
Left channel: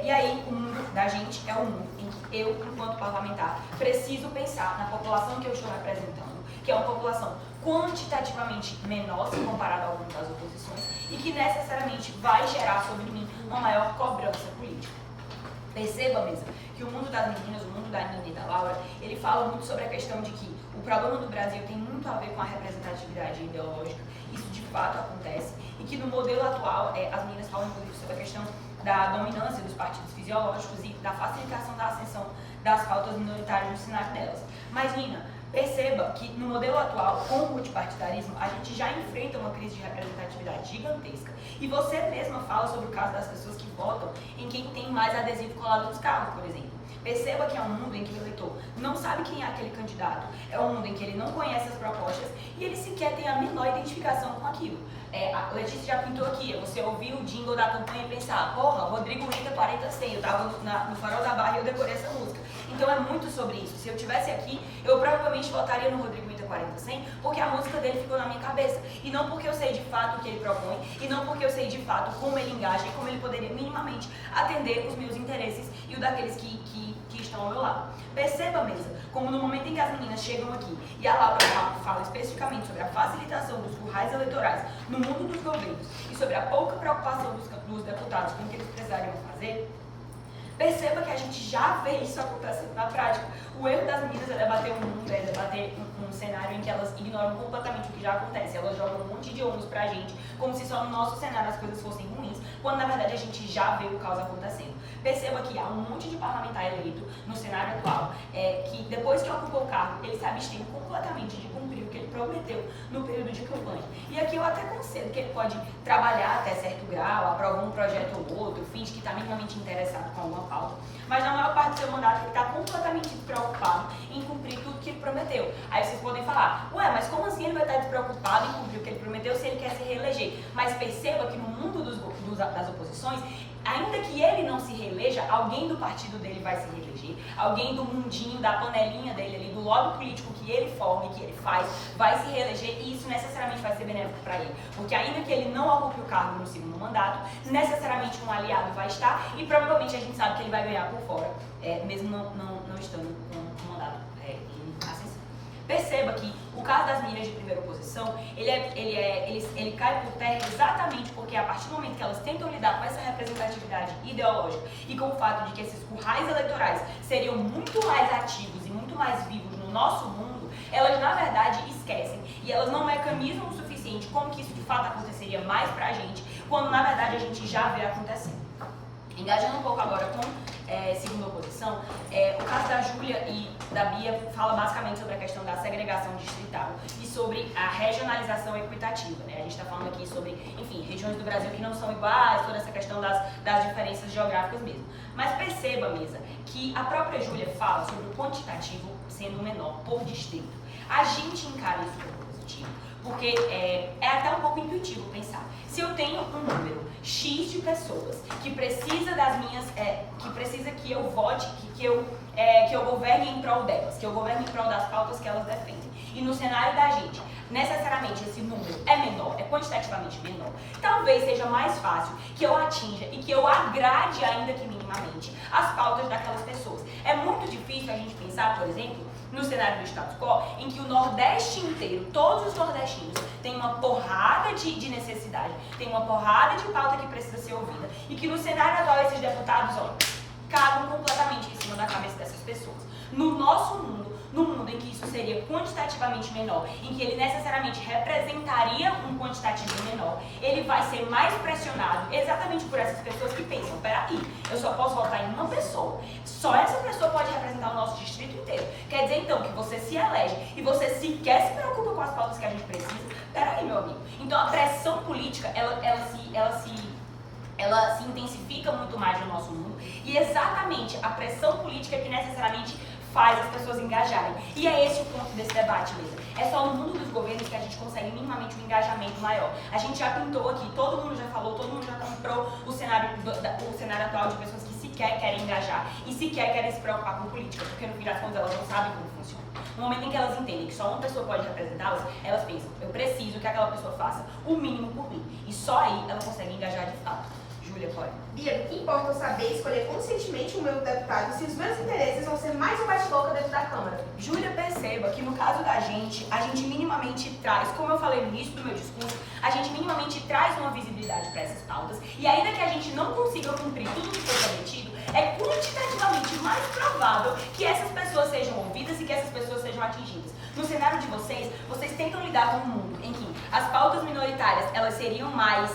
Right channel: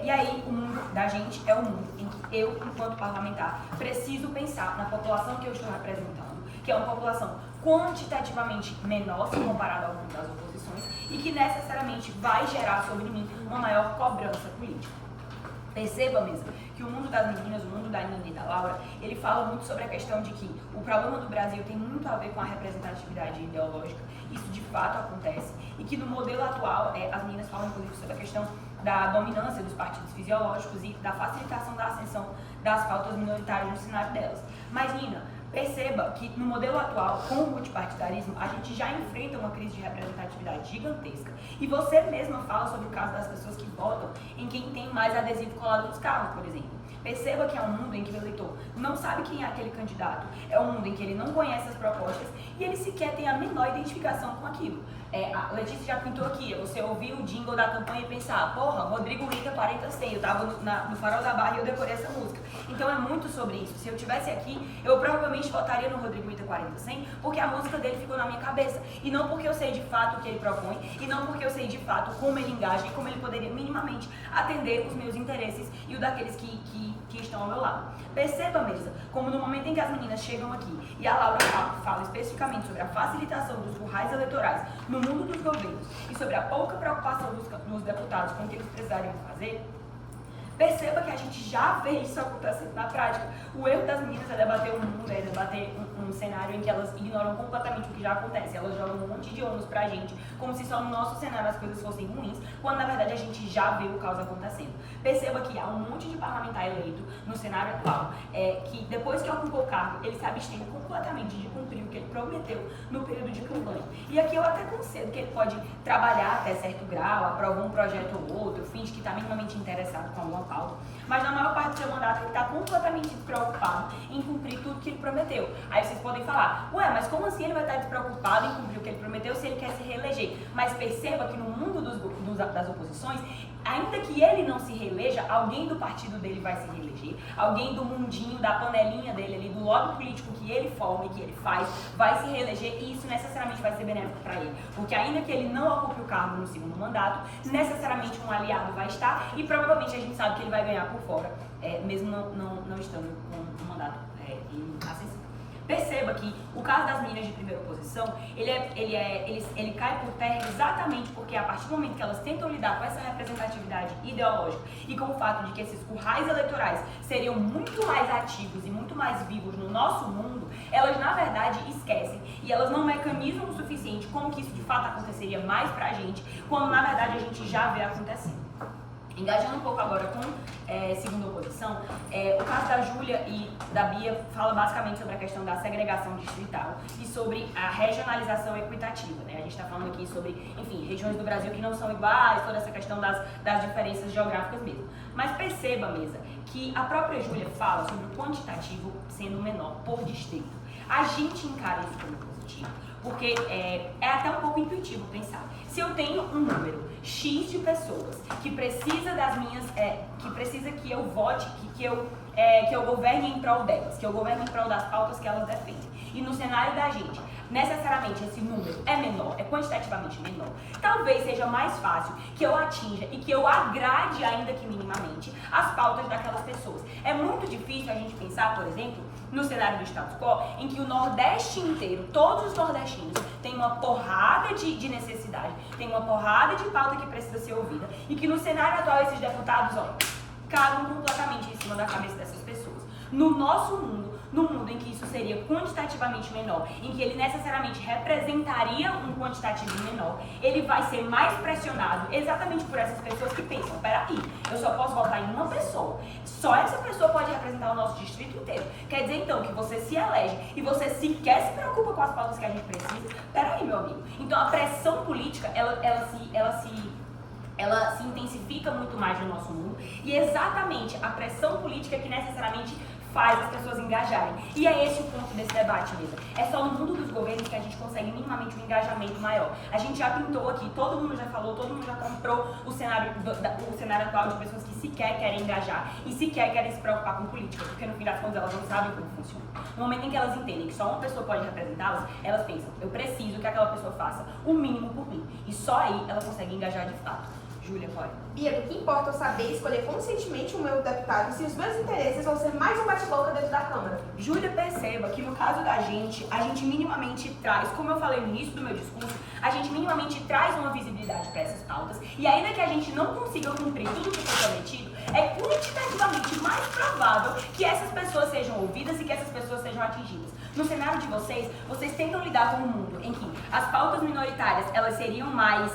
E aí, o mundo da gente é um mundo em que eu, enquanto parlamentar, preciso pensar na população que eu estou representando, que é uma população quantitativamente menor se comparada ao mundo das oposições e que necessariamente vai gerar sobre mim uma maior cobrança política. Perceba mesmo que o mundo das meninas, o mundo da Nina e da Laura, ele fala muito sobre a questão de que o problema do Brasil tem muito a ver com a representatividade ideológica, isso de fato acontece, e que no modelo atual, as meninas falam inclusive sobre a questão da dominância dos partidos fisiológicos e da facilitação da ascensão das pautas minoritárias no cenário delas. Mas, Nina, perceba que no modelo atual, com o multipartidarismo, a gente já enfrenta uma crise de representatividade gigantesca. E você mesma fala sobre o caso das pessoas que votam em quem tem mais adesivo colado nos carros, por exemplo. Perceba que é um mundo em que o eleitor não sabe quem é aquele candidato, é um mundo em que ele não conhece as propostas e ele sequer tem a menor identificação com aquilo. A Letícia já pintou aqui, você ouvir o jingle da campanha e pensar, porra, Rodrigo Rita 40-100, eu tava no Farol da Barra e eu decorei essa música. Então é muito sobre isso. Se eu tivesse aqui, eu provavelmente votaria no Rodrigo Rita 40-100 porque a música dele ficou na minha cabeça. E não porque eu sei de fato o que ele propõe, e não porque eu sei de fato como ele engaja e como ele poderia minimamente atender os meus interesses e o daqueles que estão ao meu lado. Perceba mesmo, como no momento em que as meninas chegam aqui e a Laura fala especificamente sobre a facilitação dos currais eleitorais no mundo dos governos e sobre a pouca preocupação dos deputados com o que eles precisariam fazer, perceba que a gente já vê isso acontecendo na prática. O erro das meninas é debater um mundo, é debater um cenário em que elas ignoram completamente o que já acontece. Elas jogam um monte de ônus pra gente, como se só no nosso cenário as coisas fossem ruins, quando na verdade a gente já vê o caos acontecendo. Perceba que há um monte de parlamentar eleito no cenário atual, que depois que ocupou o cargo, ele se abstém completamente de cumprir o que ele prometeu no período de campanha. E aqui eu até concedo que ele pode trabalhar até certo grau, aprovar um projeto ou outro, finge que está minimamente interessado com alguma pauta, mas na maior parte do seu mandato ele está completamente despreocupado em cumprir tudo que ele prometeu. Aí vocês podem falar, ué, mas como assim ele vai estar despreocupado em cumprir o que ele prometeu se ele quer se reeleger? Mas perceba que no mundo das oposições, ainda que ele não se reeleja, alguém do partido dele vai se reeleger, alguém do mundinho, da panelinha dele ali, do lobby político que ele forma e que ele faz, vai se reeleger e isso necessariamente vai ser benéfico para ele. Porque ainda que ele não ocupe o cargo no segundo mandato, necessariamente um aliado vai estar e provavelmente a gente sabe que ele vai ganhar por fora, mesmo não estando com o mandato em ascensão. Perceba que o caso das meninas de primeira oposição, ele cai por terra exatamente porque a partir do momento que elas tentam lidar com essa representatividade ideológica e com o fato de que esses currais eleitorais seriam muito mais ativos e muito mais vivos no nosso mundo, elas na verdade esquecem e elas não mecanizam o suficiente como que isso de fato aconteceria mais pra gente, quando na verdade a gente já vê acontecendo. Engajando um pouco agora com segunda oposição, o caso da Júlia e da Bia fala basicamente sobre a questão da segregação distrital e sobre a regionalização equitativa, né? A gente está falando aqui sobre, enfim, regiões do Brasil que não são iguais, toda essa questão das diferenças geográficas mesmo. Mas perceba, Mesa, que a própria Júlia fala sobre o quantitativo sendo menor por distrito. A gente encara isso como positivo, porque é até um pouco intuitivo pensar. Se eu tenho um número X de pessoas que precisa das minhas, que precisa que eu vote, que eu governe em prol delas, que eu governe em prol das pautas que elas defendem. E no cenário da gente, necessariamente esse número é menor, é quantitativamente menor. Talvez seja mais fácil que eu atinja e que eu agrade, ainda que minimamente, as pautas daquelas pessoas. É muito difícil a gente pensar, por exemplo, no cenário do status quo, em que o Nordeste inteiro, todos os nordestinos, têm uma porrada de necessidade, tem uma porrada de pauta que precisa ser ouvida, e que no cenário atual esses deputados, cagam completamente em cima da cabeça dessas pessoas. No nosso mundo, no mundo em que isso seria quantitativamente menor, em que ele necessariamente representaria um quantitativo menor, ele vai ser mais pressionado exatamente por essas pessoas que pensam, peraí, eu só posso votar em uma pessoa, só essa pessoa pode representar o nosso distrito inteiro. Quer dizer então que você se elege e você sequer se preocupa com as pautas que a gente precisa? Peraí, meu amigo. Então a pressão política, ela se intensifica muito mais no nosso mundo e exatamente a pressão política que necessariamente faz as pessoas engajarem. E é esse o ponto desse debate mesmo. É só no mundo dos governos que a gente consegue minimamente um engajamento maior. A gente já pintou aqui, todo mundo já falou, todo mundo já comprou o cenário atual de pessoas que sequer querem engajar e sequer querem se preocupar com política, porque no fim das contas elas não sabem como funciona. No momento em que elas entendem que só uma pessoa pode representá-las, elas pensam, eu preciso que aquela pessoa faça o mínimo por mim. E só aí ela consegue engajar de fato. Júlia, pode. Bia, do que importa eu saber escolher conscientemente o meu deputado se os meus interesses vão ser mais um bate-boca dentro da Câmara? Júlia, perceba que no caso da gente, a gente minimamente traz, como eu falei no início do meu discurso, a gente minimamente traz uma visibilidade para essas pautas e ainda que a gente não consiga cumprir tudo que foi prometido, é quantitativamente mais provável que essas pessoas sejam ouvidas e que essas pessoas sejam atingidas. No cenário de vocês tentam lidar com um mundo em que as pautas minoritárias, elas seriam mais,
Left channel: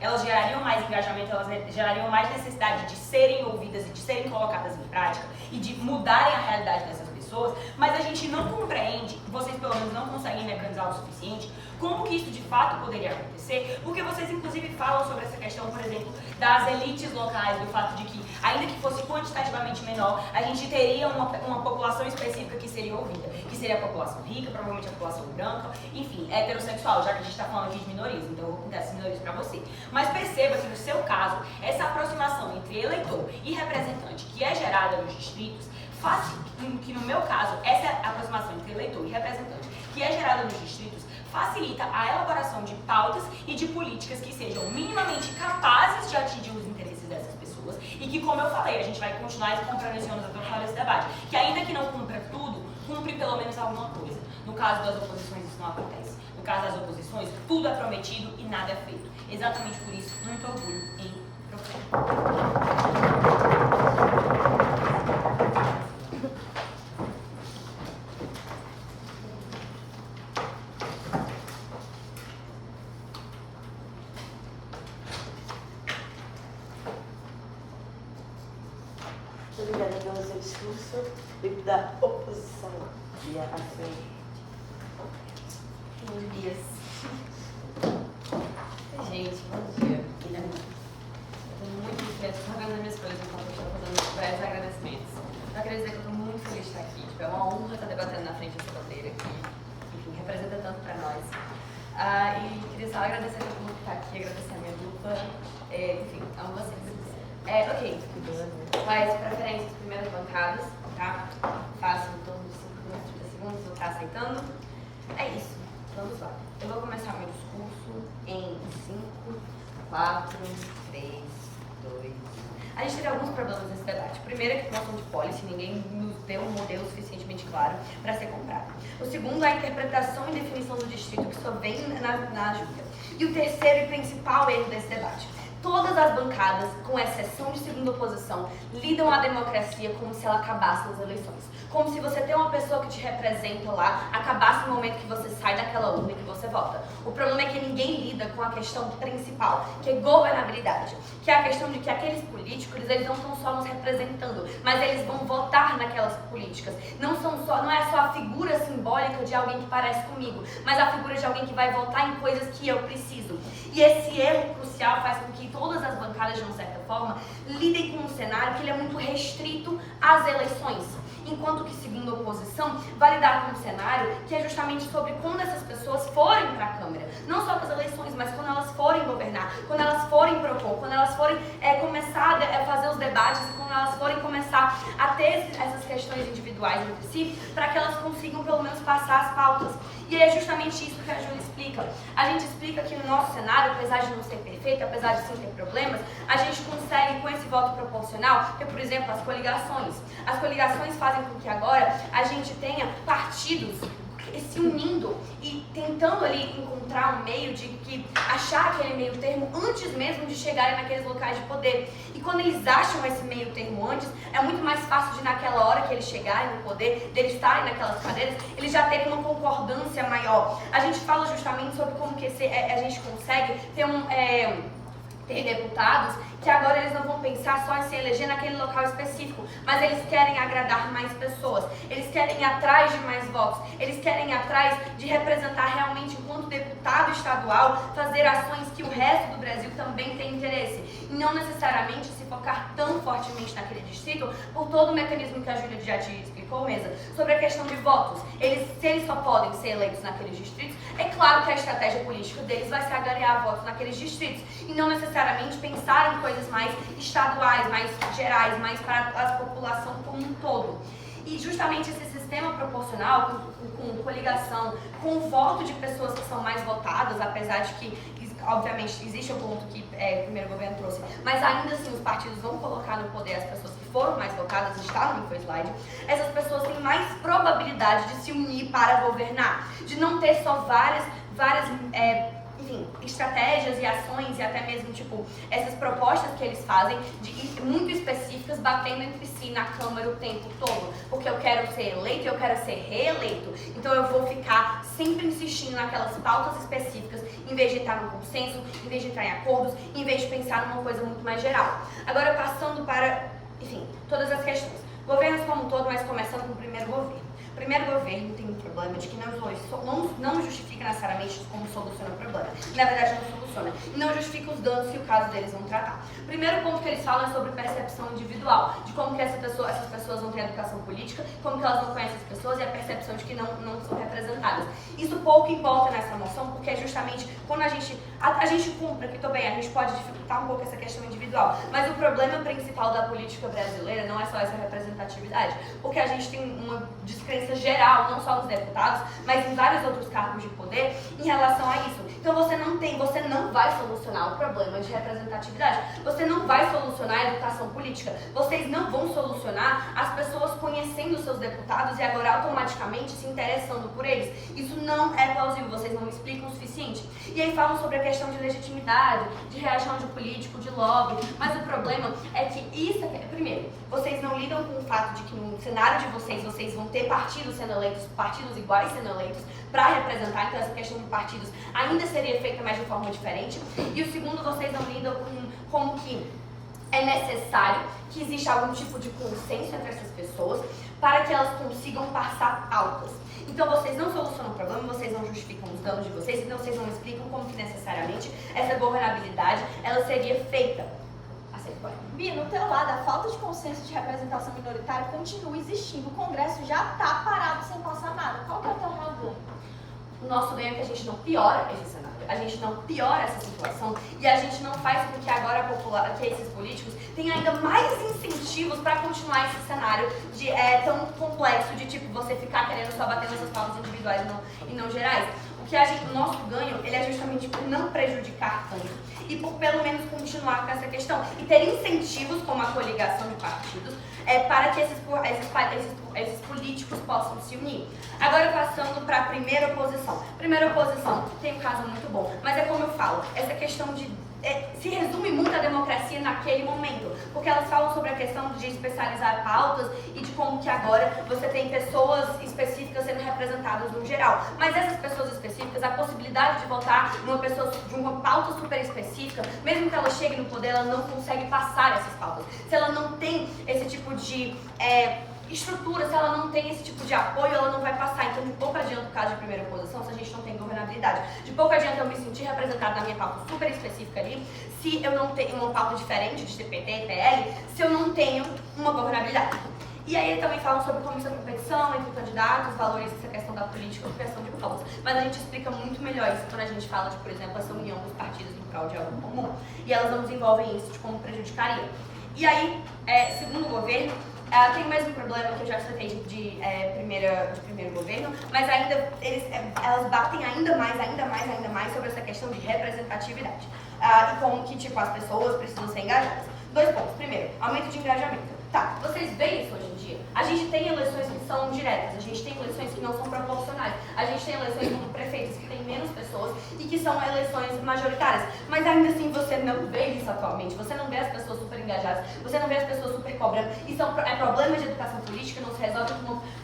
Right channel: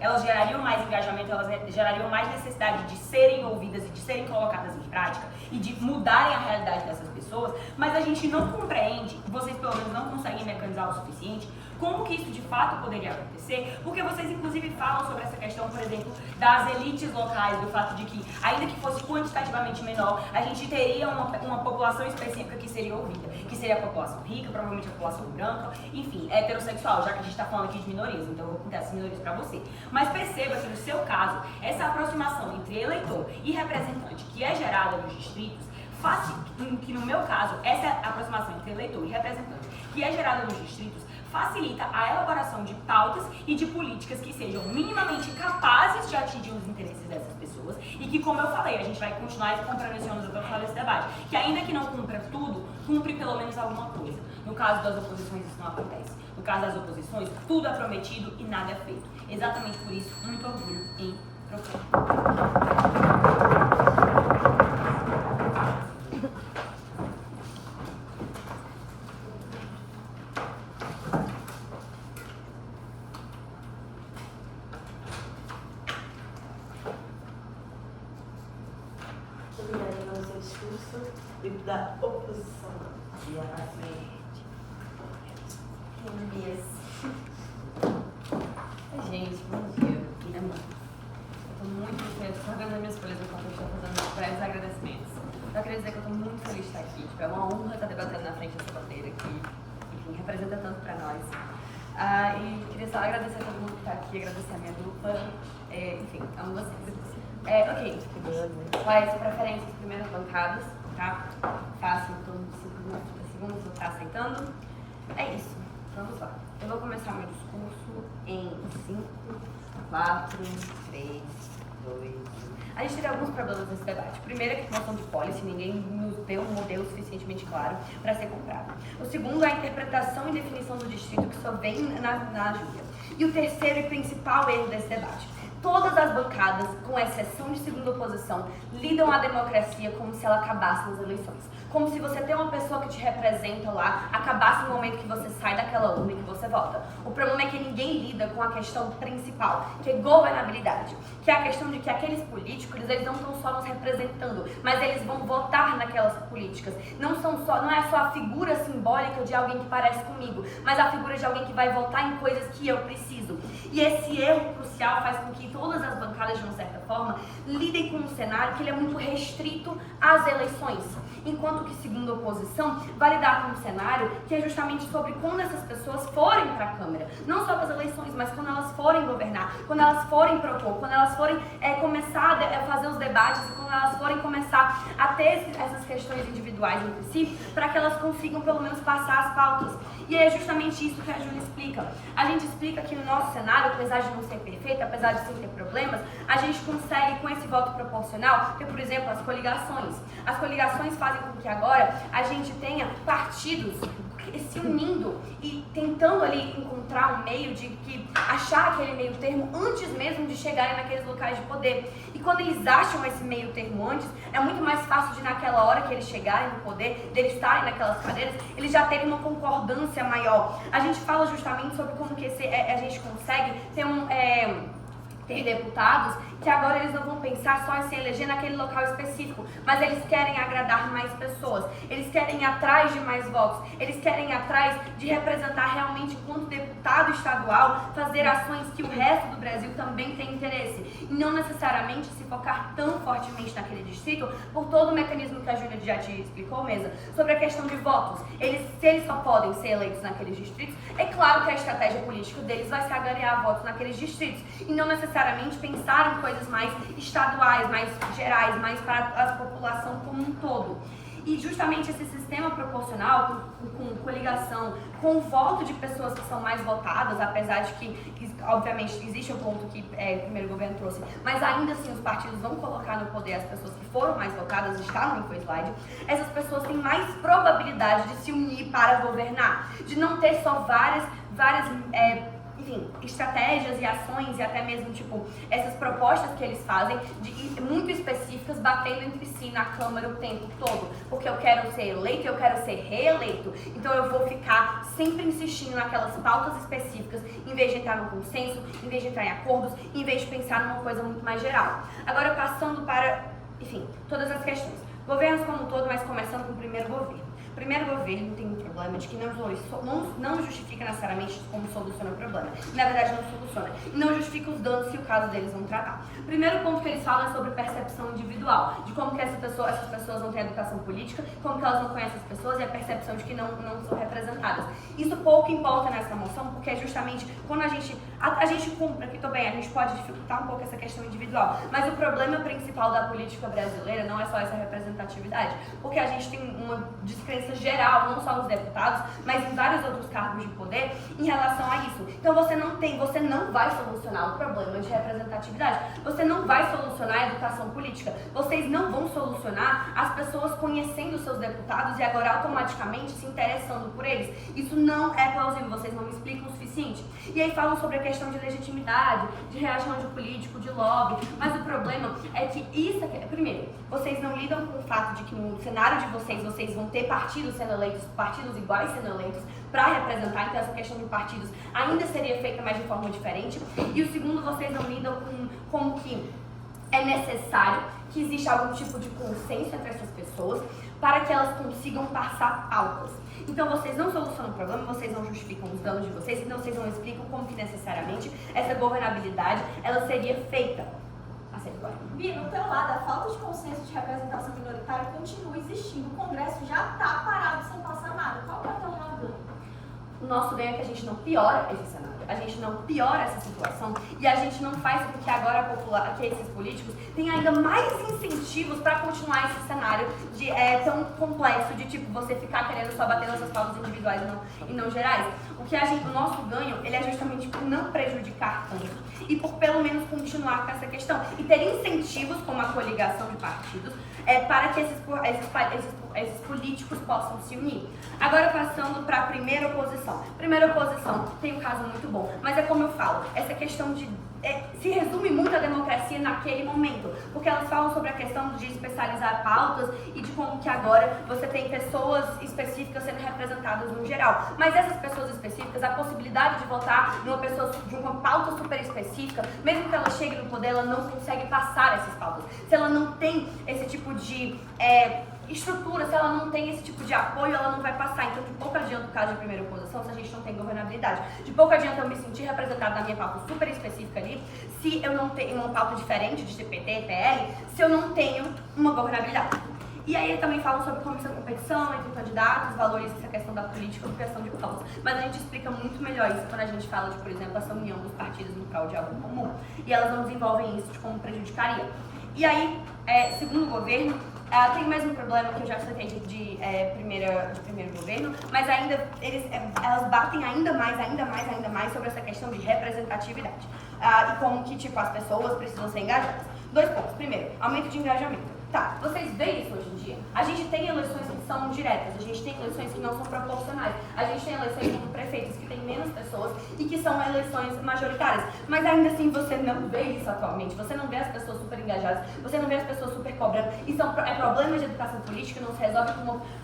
elas gerariam mais engajamento, elas gerariam mais necessidade de serem ouvidas e de serem colocadas em prática e de mudarem a realidade dessas pessoas, mas a gente não compreende, vocês pelo menos não conseguem mecanizar o suficiente, como que isso de fato poderia acontecer, porque vocês inclusive falam sobre essa questão, por exemplo, das elites locais, do fato de que, ainda que fosse quantitativamente menor, a gente teria uma população específica que seria ouvida, que seria a população rica, provavelmente a população branca, enfim, heterossexual, já que a gente está falando aqui de minorias, então eu vou contar essas minorias para você. Mas perceba que no seu caso, essa aproximação entre eleitor e representante que é gerada nos distritos, faz que no meu caso, essa aproximação entre eleitor e representante que é gerada nos distritos, facilita a elaboração de pautas e de políticas que sejam minimamente capazes de atingir os interesses dessas pessoas e que, como eu falei, a gente vai continuar comprando esse ônibus até o final desse debate, que ainda que não cumpra tudo, cumpre pelo menos alguma coisa. No caso das oposições, isso não acontece. No caso das oposições, tudo é prometido e nada é feito. Exatamente por isso, muito orgulho em propor. Obrigada pelo seu discurso e da oposição. E a Gente, bom dia. Estou muito feliz. Estou organizando minhas folhas enquanto eu estou fazendo vários agradecimentos. Eu queria dizer que eu estou muito feliz de estar aqui. Tipo, é uma honra estar debatendo na frente dessa bandeira que, enfim, representa tanto para nós. E queria só agradecer a todo mundo que está aqui, agradecer a minha dupla. Enfim, amo vocês. Ok. Quais preferências, primeiras bancadas, tá? Faço em torno de 5 minutos, 30 segundos, vou estar aceitando. É isso, vamos lá. Eu vou começar meu discurso em 5, 4, 3, 2, 1. A gente teve alguns problemas nesse debate. O primeiro é que questão de policy, ninguém nos deu um modelo suficientemente claro para ser comprado. O segundo é a interpretação e definição do distrito, que só vem na Júlia. E o terceiro e principal erro desse debate. Todas as bancadas, com exceção de segunda oposição, lidam a democracia como se ela acabasse nas eleições. Como se você ter uma pessoa que te representa lá, acabasse no momento que você sai daquela urna e que você vota. O problema é que ninguém lida com a questão principal, que é governabilidade. Que é a questão de que aqueles políticos, eles não estão só nos representando, mas eles vão votar naquelas políticas. Não é só a figura simbólica de alguém que parece comigo, mas a figura de alguém que vai votar em coisas que eu preciso. E esse erro crucial faz com que todas as bancadas, de uma certa forma, lidem com um cenário que ele é muito restrito às eleições. Enquanto que, segundo a oposição, vai lidar com um cenário que é justamente sobre quando essas pessoas forem para a Câmara. Não só para as eleições, mas quando elas forem governar, quando elas forem propor, quando elas forem começar a fazer os debates, quando elas forem começar a ter essas questões individuais entre si, para que elas consigam pelo menos passar as pautas. E é justamente isso que a Júlia explica. A gente explica que no nosso cenário, apesar de não ser perfeito, apesar de sim ter problemas, a gente consegue, com esse voto proporcional, ter, por exemplo, as coligações. As coligações fazem com que agora a gente tenha partidos se unindo e tentando ali encontrar um meio de achar aquele meio termo antes mesmo de chegarem naqueles locais de poder. E quando eles acham esse meio termo antes, é muito mais fácil de naquela hora que eles chegarem no poder, deles estarem naquelas cadeiras, eles já terem uma concordância maior. A gente fala justamente sobre como que a gente consegue ter deputados que agora eles não vão pensar só em se eleger naquele local específico, mas eles querem agradar mais pessoas, eles querem ir atrás de mais votos, eles querem ir atrás de representar realmente, enquanto deputado estadual, fazer ações que o resto do Brasil também tem interesse, e não necessariamente se focar tão fortemente naquele distrito, por todo o mecanismo que a Júlia já te explicou, Mesa, sobre a questão de votos. Se eles só podem ser eleitos naqueles distritos, é claro que a estratégia política deles vai ser agariar votos naqueles distritos, e não necessariamente pensar em coisas mais estaduais, mais gerais, mais para a população como um todo. E justamente esse sistema proporcional, com coligação, com o voto de pessoas que são mais votadas, apesar de que obviamente existe o ponto que o primeiro governo trouxe, mas ainda assim os partidos vão colocar no poder as pessoas que foram mais votadas, está no slide, essas pessoas têm mais probabilidade de se unir para governar, de não ter só várias enfim, estratégias e ações e até mesmo, tipo, essas propostas que eles fazem, muito específicas, batendo entre si na Câmara o tempo todo. Porque eu quero ser eleito, eu quero ser reeleito. Então eu vou ficar sempre insistindo naquelas pautas específicas, em vez de entrar no consenso, em vez de entrar em acordos, em vez de pensar numa coisa muito mais geral. Agora, passando para, enfim, todas as questões. Governos como um todo, mas começando com o primeiro governo. O primeiro governo tem um problema de que não justifica necessariamente como soluciona o problema. Na verdade, não soluciona. E não justifica os danos que o caso deles vão tratar. O primeiro ponto que eles falam é sobre percepção individual, de como que essas pessoas não têm educação política, como que elas não conhecem as pessoas e a percepção de que não são representadas. Isso pouco importa nessa moção, porque é justamente quando a gente cumpre, que bem, a gente pode dificultar um pouco essa questão individual, mas o problema principal da política brasileira não é só essa representatividade, porque a gente tem uma descrença geral, não só nos deputados, mas em vários outros cargos de poder em relação a isso. Então você não vai solucionar o problema de representatividade, você não vai solucionar a educação política, vocês não vão solucionar as pessoas conhecendo seus deputados e agora automaticamente se interessando por eles. Isso não é plausível, vocês não explicam o suficiente. E aí falam sobre a questão de legitimidade, de reação de político, de lobby, mas o problema é que primeiro, vocês não lidam com o fato de que no cenário de vocês vão ter partidos sendo eleitos, partidos iguais sendo eleitos para representar, então essa questão de partidos ainda seria feita, mas de forma diferente. E o segundo, vocês não lidam com como que é necessário que exista algum tipo de consenso entre essas pessoas para que elas consigam passar pautas. Então vocês não solucionam o problema, vocês não justificam os danos de vocês, então vocês não explicam como que necessariamente essa governabilidade ela seria feita. Bi, no teu lado, a falta de consenso de representação minoritária continua existindo. O Congresso já está parado sem passar nada. Qual que é o teu lado? O nosso ganho é que a gente não piora esse cenário, a gente não piora essa situação e a gente não faz com que agora que esses políticos tenham ainda mais incentivos para continuar esse cenário tão complexo de tipo você ficar querendo só bater nas suas pautas individuais e não gerais. O nosso ganho, ele é justamente por não prejudicar tanto e por pelo menos continuar com essa questão e ter incentivos como a coligação de partidos para que esses políticos possam se unir. Agora passando para a primeira oposição. Primeira oposição tem um caso muito bom, mas é como eu falo, essa questão se resume muito a democracia naquele momento, porque elas falam sobre a questão de especializar pautas e de como que agora você tem pessoas específicas sendo representadas no geral. Mas essas pessoas específicas, a possibilidade de votar de uma pauta super específica, mesmo que ela chegue no poder, ela não consegue passar essas pautas. Se ela não tem esse tipo de estrutura, se ela não tem esse tipo de apoio, ela não vai passar. Então, de pouco adianta o caso de primeira oposição se a gente não tem governabilidade. De pouco adianta eu me sentir representada na minha pauta super específica ali, se eu não tenho uma pauta diferente de CPT, PL, se eu não tenho uma governabilidade. E aí também falam sobre como isso é competição entre candidatos, valoriza essa questão da política por questão de pautas. Mas a gente explica muito melhor isso quando a gente fala de, por exemplo, essa união dos partidos em prol de algo comum. E elas não desenvolvem isso de como prejudicaria. E aí, segundo o governo, tem o mesmo problema que eu já citei de primeiro governo, mas ainda elas batem ainda mais sobre essa questão de representatividade. E como que tipo, as pessoas precisam ser engajadas. 2 pontos. Primeiro, aumento de engajamento. Tá, vocês veem isso hoje em dia? A gente tem eleições que são diretas, a gente tem eleições que não são proporcionais, a gente tem eleições como prefeitos que tem menos pessoas e que são eleições majoritárias. Mas ainda assim você não vê isso atualmente, você não vê as pessoas super engajadas, você não vê as pessoas super cobrando. Isso é problema de educação política, não se resolve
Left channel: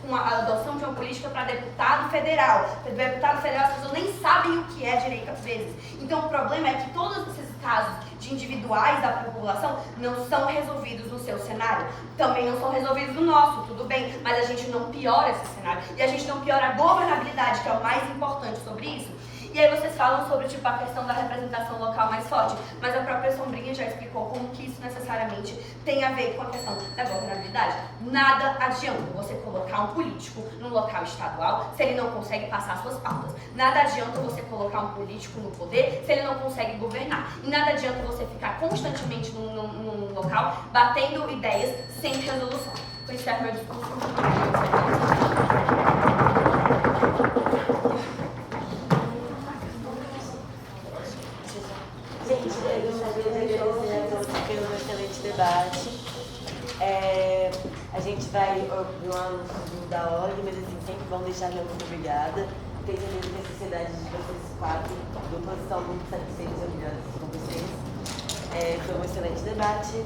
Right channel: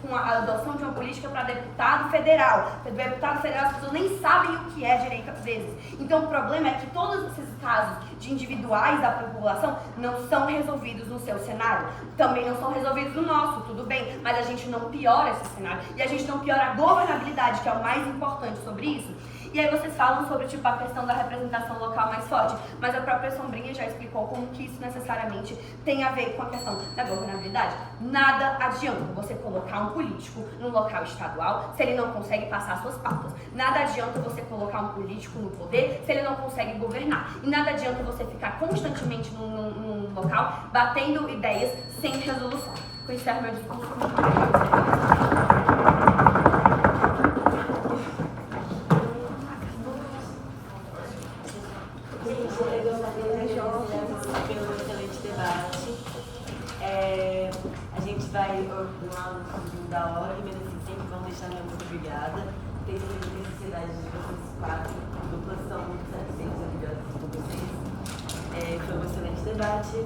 com a adoção de uma política para deputado federal. Deputado federal as pessoas nem sabem o que é direito às vezes. Então o problema é que todos esses casos de individuais da população não são resolvidos no seu cenário. Também não são resolvidos no nosso, tudo bem, mas a gente não piora esse cenário e a gente não piora a governabilidade, que é o mais importante sobre isso. E aí vocês falam sobre tipo, a questão da representação local mais forte, mas a própria Sombrinha já explicou como que isso necessariamente tem a ver com a questão da governabilidade. Nada adianta você colocar um político num local estadual se ele não consegue passar suas pautas. Nada adianta você colocar um político no poder se ele não consegue governar. E nada adianta você ficar constantemente num local batendo ideias sem resolução. com esse meu discurso. Gente, eu gostaria de agradecer a todos pelo excelente debate. A gente vai da ordem, mas assim, sempre vão deixar meu muito obrigada. Tenho certeza que a sociedade de vocês quatro, do posição muito satisfeitos e orgulhosos com vocês. Foi um excelente debate.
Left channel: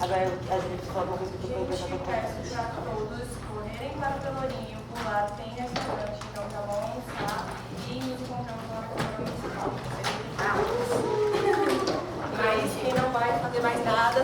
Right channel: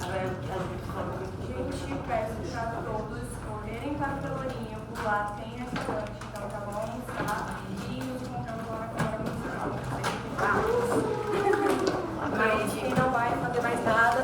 Agora a gente fala uma coisa que eu Gente, peço para todos correrem para o Pelourinho, por lá tem restaurante, então já vão almoçar e nos encontramos lá na Câmara Municipal. Mas quem não vai fazer mais nada,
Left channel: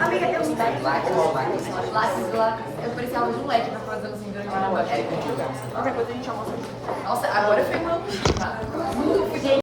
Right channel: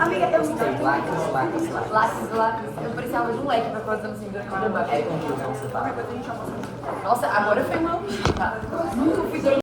Amiga, eu me lápis. Eu precisava de um leque pra fazer os vídeos. Nossa, agora foi mal.